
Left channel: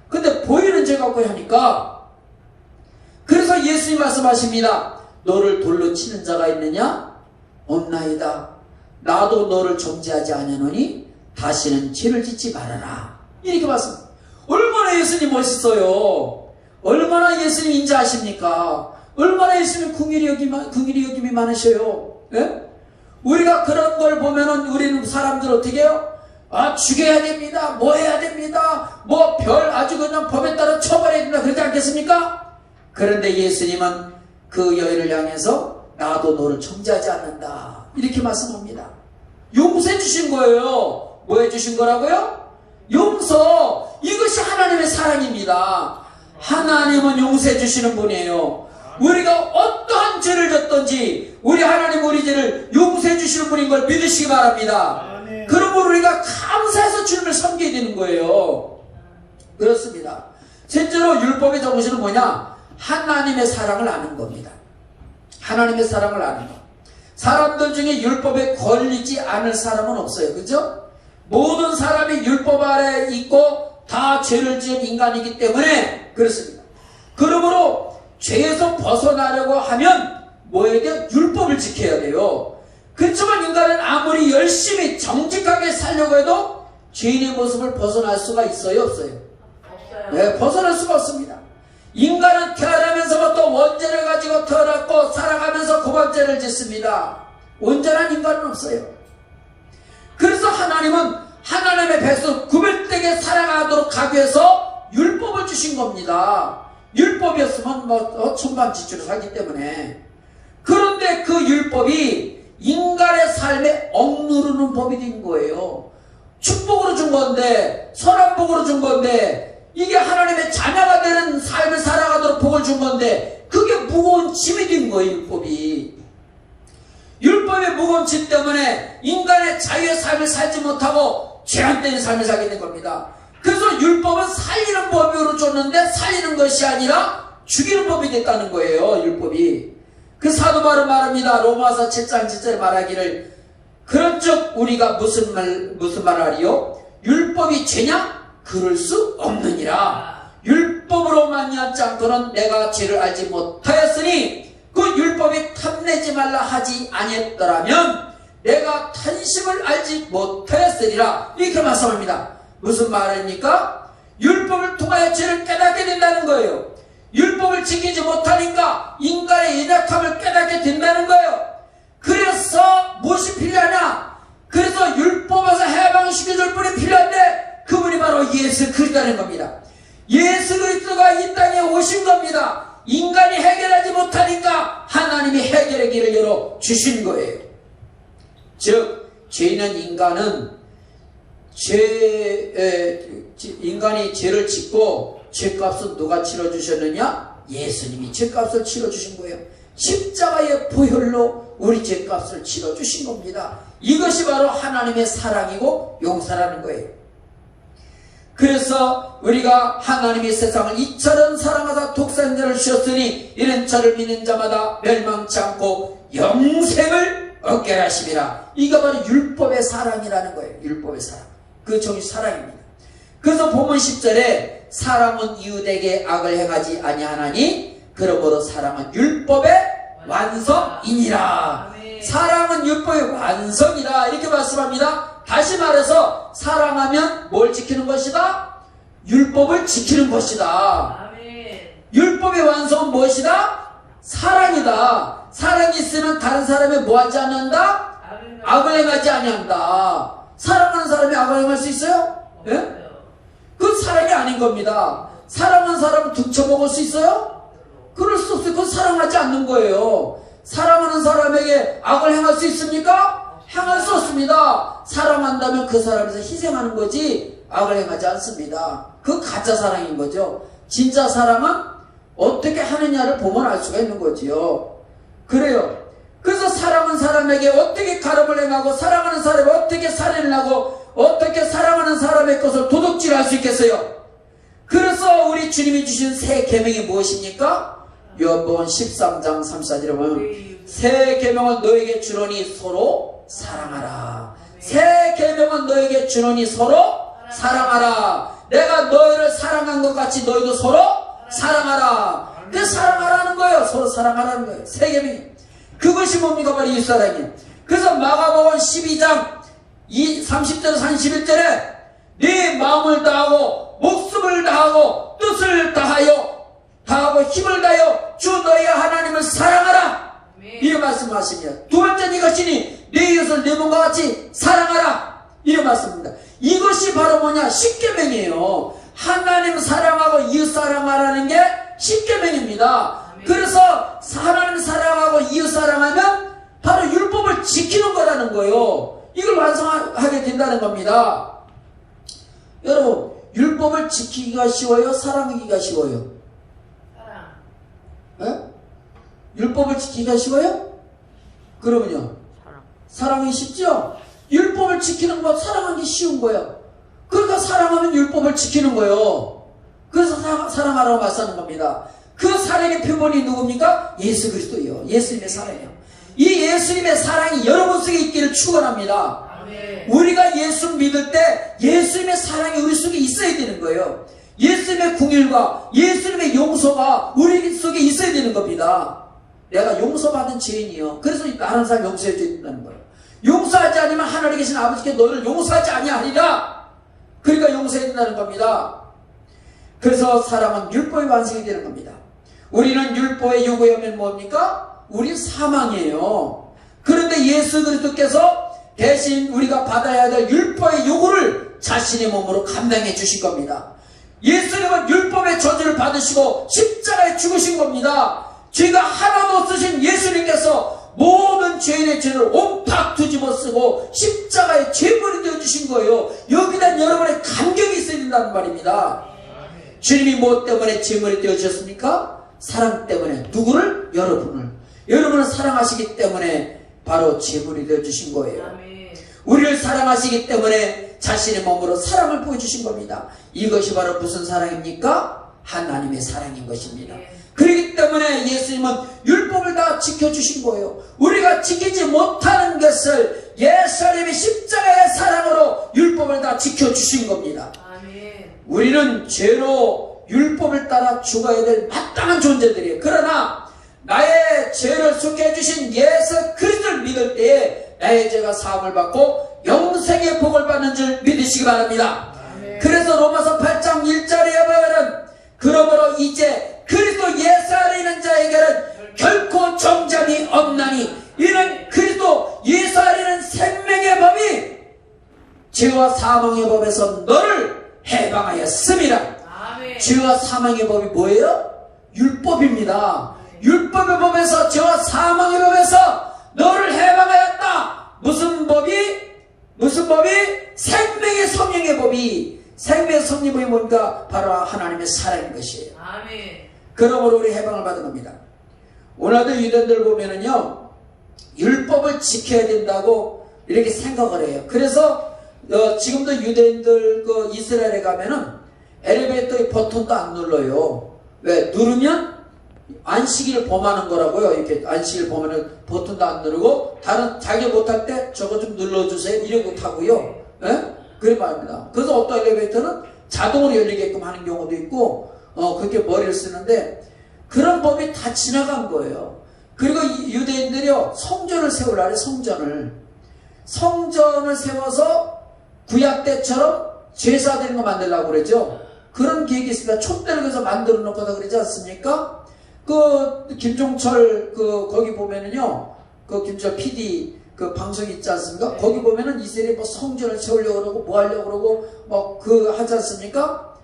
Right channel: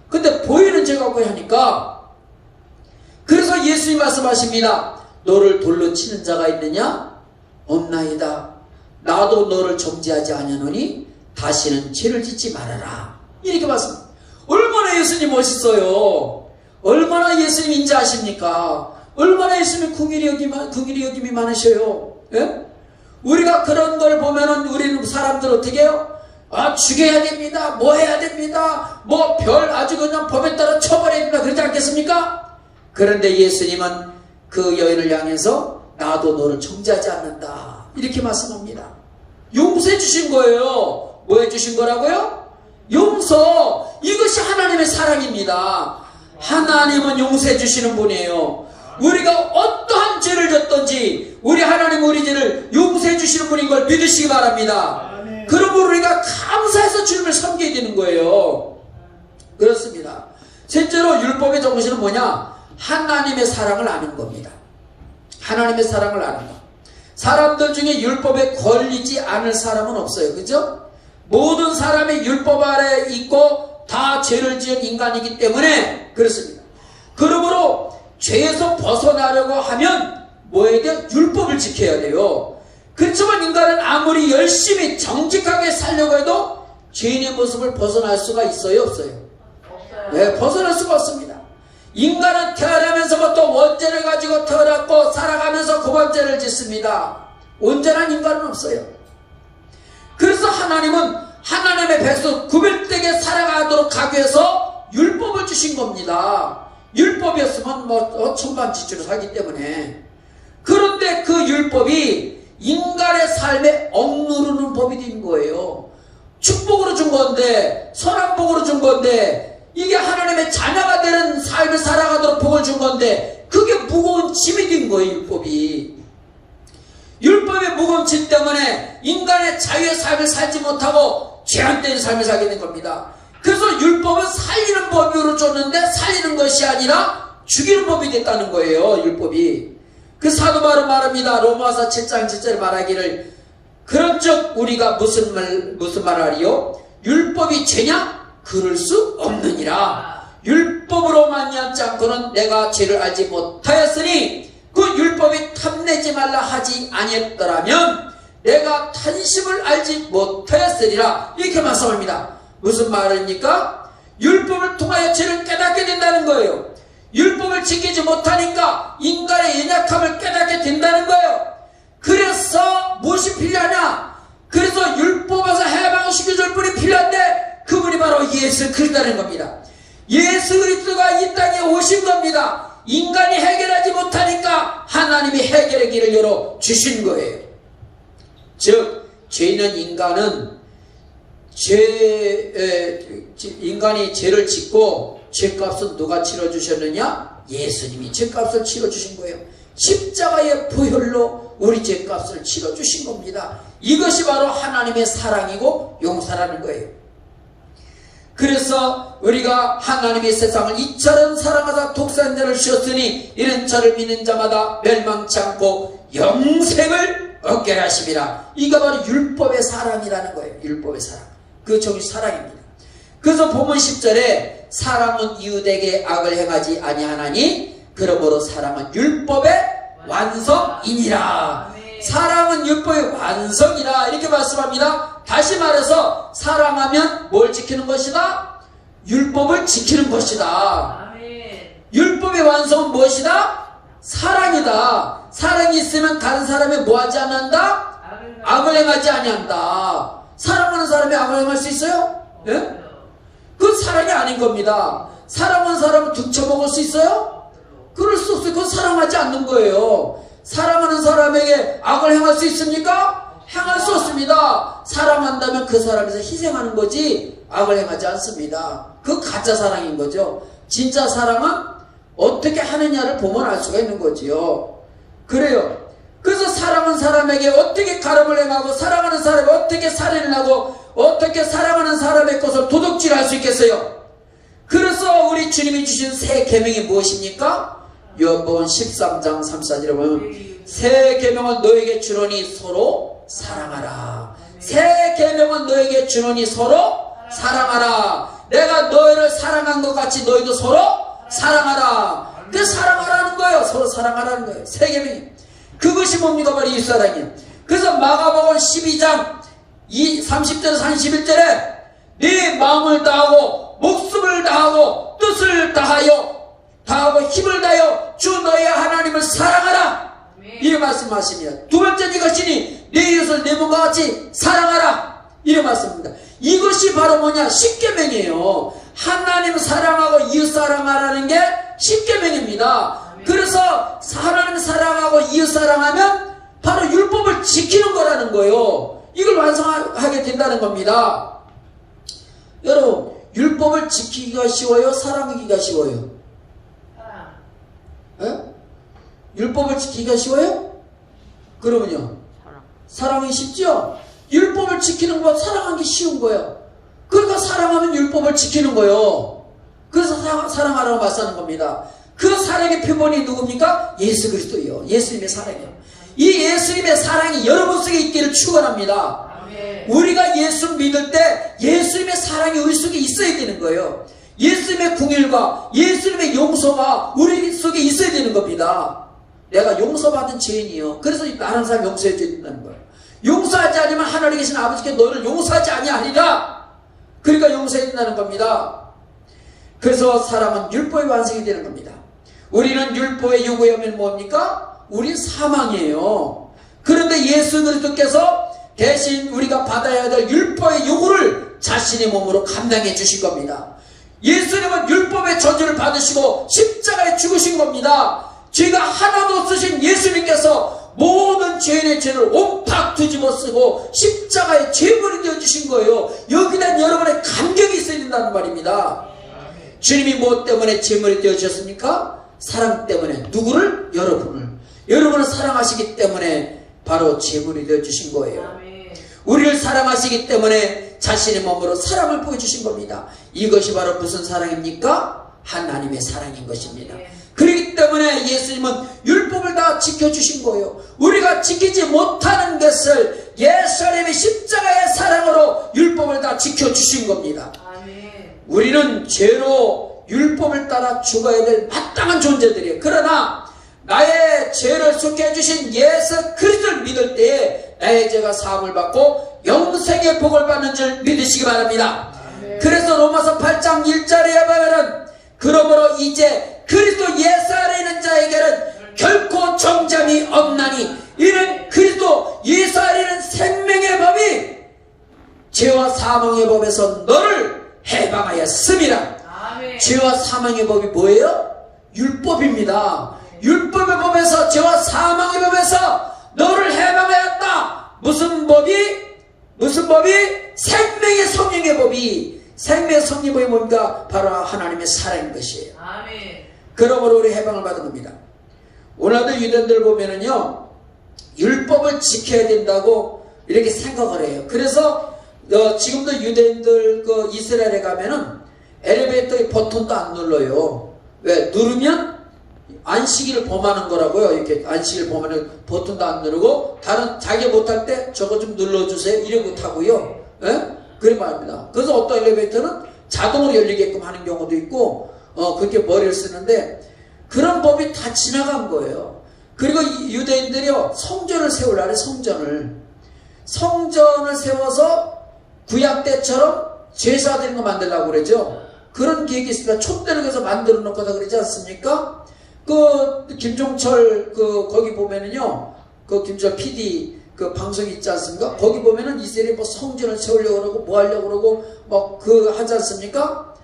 근데 보이는 죄가 왜 하니까, 그래서 예수님 말씀하십니다. 너를 돌로 치는 자가 있느냐? 없나이다. 나도 너를 정죄하지 아니하노니 다시는 죄를 짓지 말아라. 이렇게 말씀합니다. 얼마나 예수님 멋있어요. 얼마나 예수님 인자하십니까? 얼마나 예수님 긍휼히 여김이 많으셔요. 예? 우리가 그런 걸 보면은 우리는 사람들 어떻게 해요? 죽여야 됩니다. 뭐 해야 됩니다. 뭐 아주 그냥 법에 따라 처벌해야 됩니다. 그러지 않겠습니까? 그런데 예수님은 그 여인을 향해서 나도 너를 정죄하지 않는다. 이렇게 말씀합니다. 용서해 주신 거예요. 뭐 해 주신 거라고요? 용서. 이것이 하나님의 사랑입니다. 하나님은 용서해 주시는 분이에요. 우리가 어떠한 죄를 졌든지 우리 하나님 우리 죄를 용서해 주시는 분인 걸 믿으시기 바랍니다. 그러므로 우리가 감사해서 주님을 섬겨야 되는 거예요. 그렇습니다. 실제로 율법의 정신은 뭐냐? 하나님의 사랑을 아는 겁니다. 하나님의 사랑을 아는 것. 사람들 중에 율법에 걸리지 않을 사람은 없어요. 그죠? 모든 사람이 율법 아래 있고 다 죄를 지은 인간이기 때문에 그렇습니다. 그러므로 죄에서 벗어나려고 하면 뭐에게? 율법을 지켜야 돼요. 그렇지만 인간은 아무리 열심히 정직하게 살려고 해도 죄인의 모습을 벗어날 수가 있어요? 없어요? 없어요. 네, 벗어날 수가 없습니다. 인간은 태어나면서부터 원죄를 가지고 태어났고 살아가면서 그 원죄를 짓습니다. 온전한 인간은 없어요. 그래서 하나님은 하나님의 백성 구별되게 살아가도록 하기 위해서 율법을 주신 겁니다. 율법이었으면 천반지축을 하기 때문에. 그런데 그 율법이 인간의 삶에 억누르는 법이 된 거예요. 축복으로 준 건데, 선한 복으로 준 건데, 이게 하나님의 자녀가 되는 삶을 살아가도록 복을 준 건데, 그게 무거운 짐이 된 거예요. 율법이. 율법의 무거운 짐 때문에 인간의 자유의 삶을 살지 못하고 제한된 삶을 살게 된 겁니다. 그래서 율법은 살리는 법으로 줬는데 살리는 것이 아니라 죽이는 법이 됐다는 거예요. 율법이. 그 사도 바울은 말합니다. 로마서 7장 7절에 말하기를 그런즉 우리가 무슨 말하리요? 율법이 죄냐? 그럴 수 없느니라. 율법으로 말미암지 않고는 내가 죄를 알지 못하였으니 그 율법이 탐내지 말라 하지 아니했더라면 내가 탄식을 알지 못하였으리라. 이렇게 말씀합니다. 무슨 말입니까? 율법을 통하여 죄를 깨닫게 된다는 거예요. 율법을 지키지 못하니까 인간의 연약함을 깨닫게 된다는 거예요. 그래서 무엇이 필요하냐? 그래서 율법에서 해방시켜줄 분이 필요한데 그분이 바로 예수 그리스도라는 겁니다. 예수 그리스도가 이 땅에 오신 겁니다. 인간이 해결하지 못하니까 하나님이 해결의 길을 열어 주신 거예요. 즉 죄인은 인간이 죄를 짓고 죄값은 누가 치러주셨느냐? 예수님이 죄값을 치러주신 거예요. 십자가의 보혈로 우리 죄값을 치러주신 겁니다. 이것이 바로 하나님의 사랑이고 용서라는 거예요. 그래서 우리가 하나님의 세상을 이처럼 사랑하사 독생자를 주셨으니 이는 저를 믿는 자마다 멸망치 않고 영생을 얻게 하심이라. 이거 바로 율법의 사랑이라는 거예요. 율법의 사랑. 그 정신 사랑입니다. 그래서 본문 10절에 사랑은 이웃에게 악을 행하지 아니하나니 그러므로 사랑은 율법의 완성이니라. 사랑은 율법의 완성이라 이렇게 말씀합니다. 다시 말해서 사랑하면 뭘 지키는 것이다? 율법을 지키는 것이다. 율법의 완성은 무엇이다? 사랑이다. 사랑이 있으면 다른 사람이 뭐하지 않는다? 악을 행하지 아니한다. 사랑하는 사람이 악을 행할 수 있어요? 예? 그건 사랑이 아닌 겁니다. 사랑하는 사람을 등쳐먹을 수 있어요? 그럴 수 없어요. 그건 사랑하지 않는 거예요. 사랑하는 사람에게 악을 행할 수 있습니까? 행할 수 없습니다. 사랑한다면 그 사람에서 희생하는 거지 악을 행하지 않습니다. 그 가짜 사랑인 거죠. 진짜 사랑은 어떻게 하느냐를 보면 알 수가 있는 거지요. 그래요. 그래서 사랑하는 사람에게 어떻게 가름을 행하고 사랑하는 사람이 어떻게 살인을 하고 어떻게 사랑하는 사람의 것을 도둑질할 수 있겠어요? 그래서 우리 주님이 주신 새 계명이 무엇입니까? 요한복음 13장 34절에 보면 새 계명을 너에게 주노니 서로 사랑하라. 새 계명은 너에게 주노니 서로 사랑하라. 내가 너희를 사랑한 것 같이 너희도 서로 사랑하라. 그 사랑하라는 거예요. 서로 사랑하라는 거예요. 새 계명이. 그것이 뭡니까? 바로 이 사랑이에요. 그래서 마가복음 12장 30절에서 31절에 네 마음을 다하고 목숨을 다하고 뜻을 다하고 힘을 다하여 주 너희 하나님을 사랑하라. 이 말씀하십니다. 두 번째 이것이니 내 이웃을 내 몸과 같이 사랑하라. 이런 말씀입니다. 이것이 바로 뭐냐? 십계명이에요. 하나님 사랑하고 이웃 사랑하라는 게 십계명입니다. 그래서 하나님 사랑하고 이웃 사랑하면 바로 율법을 지키는 거라는 거예요. 이걸 완성하게 된다는 겁니다. 여러분, 율법을 지키기가 쉬워요? 사랑하기가 쉬워요? 예? 율법을 지키기가 쉬워요? 그러면요, 사랑이 쉽죠? 율법을 지키는 건 사랑하기 쉬운 거예요. 그러니까 사랑하면 율법을 지키는 거예요. 그래서 사랑하라고 말씀하는 겁니다. 그 사랑의 표본이 누굽니까? 예수 그리스도예요. 예수님의 사랑이에요. 이 예수님의 사랑이 여러분 속에 있기를 축원합니다. 우리가 예수 믿을 때 예수님의 사랑이 우리 속에 있어야 되는 거예요. 예수님의 궁일과 예수님의 용서가 우리 속에 있어야 되는 겁니다. 내가 용서받은 죄인이요. 그래서 다른 사람 용서해 줘야 된다는 거예요. 용서하지 않으면 하늘에 계신 아버지께 너를 용서하지 아니하리라. 그러니까 용서해야 된다는 겁니다. 그래서 사랑은 율법의 완성이 되는 겁니다. 우리는 율법의 요구하면 뭡니까? 우린 사망이에요. 그런데 예수 그리스도께서 대신 우리가 받아야 될 율법의 요구를 자신의 몸으로 감당해 주신 겁니다. 예수님은 율법의 저주를 받으시고 십자가에 죽으신 겁니다. 죄가 하나도 없으신 예수님께서 모든 죄인의 죄를 옴팍 뒤집어 쓰고 십자가에 죄물이 되어주신 거예요. 여기다 여러분의 감격이 있어야 된다는 말입니다. 주님이 무엇 때문에 죄물이 되어주셨습니까? 사랑 때문에. 누구를? 여러분을. 여러분을 사랑하시기 때문에 바로 죄물이 되어주신 거예요. 우리를 사랑하시기 때문에 자신의 몸으로 사랑을 보여주신 겁니다. 이것이 바로 무슨 사랑입니까? 하나님의 사랑인 것입니다. 그렇기 때문에 예수님은 율법을 다 지켜주신 거예요. 우리가 지키지 못하는 것을 예수님의 십자가의 사랑으로 율법을 다 지켜주신 겁니다. 우리는 죄로 율법을 따라 죽어야 될 마땅한 존재들이에요. 그러나 나의 죄를 속해 주신 예수 그리스도를 믿을 때에 나의 죄가 사함을 받고 영생의 복을 받는 줄 믿으시기 바랍니다. 그래서 로마서 8장 1절에 보면은 그러므로 이제 그리스도 예수 안에 있는 자에게는 결코 정잠이 없나니 이는 그리스도 예수 안에 있는 생명의 법이 죄와 사망의 법에서 너를 해방하였음이라. 죄와 사망의 법이 뭐예요? 율법입니다. 율법의 법에서 죄와 사망의 법에서 너를 해방하였다. 무슨 법이? 생명의 성령의 법이. 생명의 성령의 법이 뭔가? 바로 하나님의 사랑인 것이에요. 그러므로 우리 해방을 받은 겁니다. 오늘도 유대인들 보면은요, 율법을 지켜야 된다고 이렇게 생각을 해요. 그래서 지금도 유대인들 이스라엘에 가면은 엘리베이터의 버튼도 안 눌러요. 왜? 누르면 안식일을 범하는 거라고요. 이렇게 안식일 범하는 버튼도 안 누르고 다른 자기 못할 때 저거 좀 눌러주세요. 이래 못하고요. 예? 그래 말입니다. 그래서 어떤 엘리베이터는 자동으로 열리게끔 하는 경우도 있고 그렇게 머리를 쓰는데 그런 법이 다 지나간 거예요. 그리고 유대인들이요 성전을 세우려고 해요. 성전을 세워서 구약 때처럼 제사 드리는 거 만들려고 그러죠. 그런 계획이 있습니다. 촛대를 그래서 만들어 놓고 그러지 않습니까? 김종철 거기 보면은요 김종철 PD 방송 있지 않습니까? 거기 보면은 이스라엘이 성전을 세우려고 그러고 뭐 하려고 그러고 하지 않습니까?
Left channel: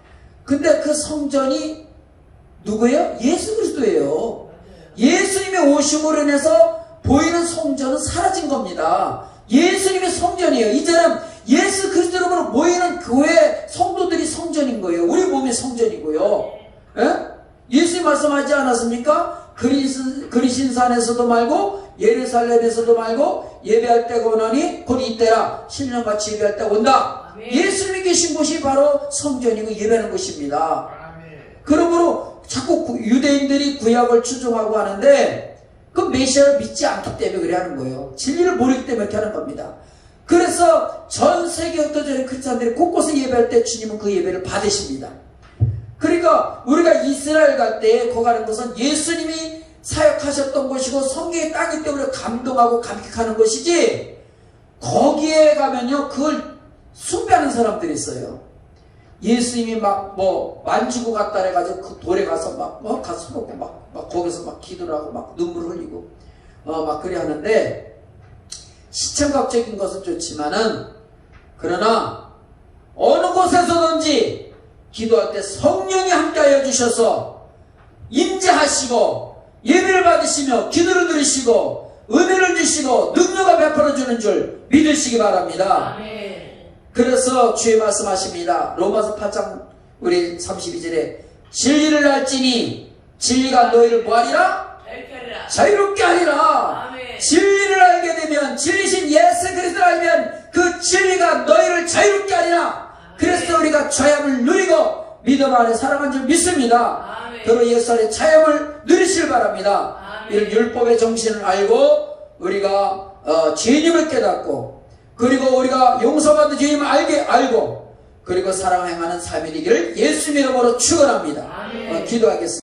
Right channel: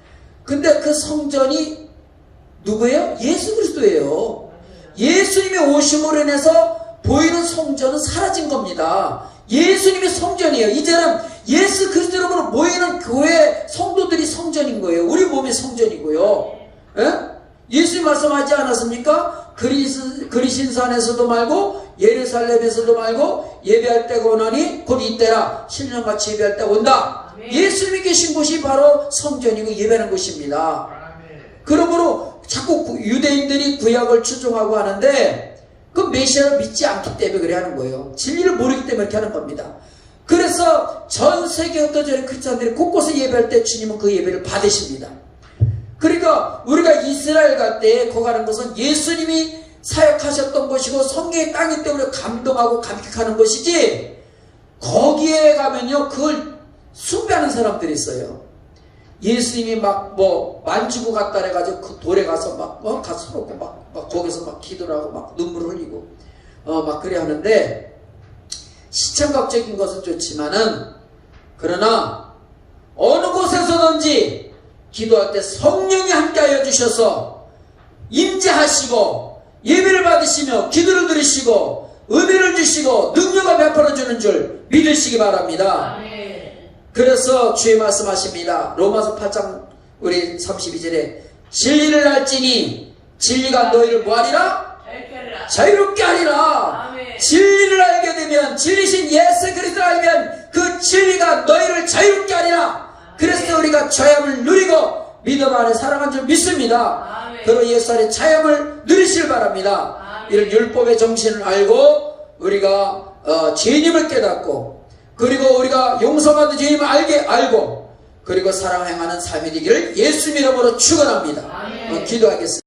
근데 그 성전이 누구예요? 예수 그리스도예요. 예수님의 오심으로 인해서 보이는 성전은 사라진 겁니다. 예수님이 성전이에요. 이제는 예수 그리스도로 모이는 교회 성도들이 성전인 거예요. 우리 몸이 성전이고요. 예? 예수님 말씀하지 않았습니까? 그리신산에서도 말고 예루살렘에서도 말고 예배할 때가 오나니 곧 이때라 신령같이 예배할 때가 온다. 예수님이 계신 곳이 바로 성전이고 예배하는 곳입니다. 그러므로 자꾸 유대인들이 구약을 추종하고 하는데 그 메시아를 믿지 않기 때문에 그래 하는 거예요. 진리를 모르기 때문에 그렇게 하는 겁니다. 그래서 전 세계 어떤 크리스찬들이 곳곳에 예배할 때 주님은 그 예배를 받으십니다. 그러니까 우리가 이스라엘 갈 때 거기 가는 것은 예수님이 사역하셨던 곳이고 성경의 땅이기 때문에 감동하고 감격하는 것이지, 거기에 가면요 그걸 숭배하는 사람들이 있어요. 예수님이 막 뭐 만지고 갔다 해가지고 그 돌에 가서 막 가서 놓고 막 거기서 막 기도를 하고 막 눈물 흘리고 막 그래 하는데, 시청각적인 것은 좋지만은 그러나 어느 곳에서든지 기도할 때 성령이 함께하여 주셔서 임재하시고 예배를 받으시며 기도를 들으시고 은혜를 주시고 능력을 베풀어 주는 줄 믿으시기 바랍니다. 그래서 주의 말씀하십니다. 로마서 8장 우리 32절에 진리를 알지니 진리가 너희를 뭐하리라? 자유롭게 하리라. 아멘. 진리를 알게 되면, 진리신 예수 그리스도를 알면 그 진리가 너희를 자유롭게 하리라. 그래서 우리가 자유함을 누리고 믿음 안에 살아간 줄 믿습니다. 아멘. 그리고 예수 안에 자유함을 누리시길 바랍니다. 아멘. 이런 율법의 정신을 알고 우리가 죄인임을 깨닫고, 그리고 우리가 용서받은 죄인임을 알고, 그리고 사랑 행하는 삶이 되기를 예수 이름으로 축원합니다. 아멘. 기도하겠습니다.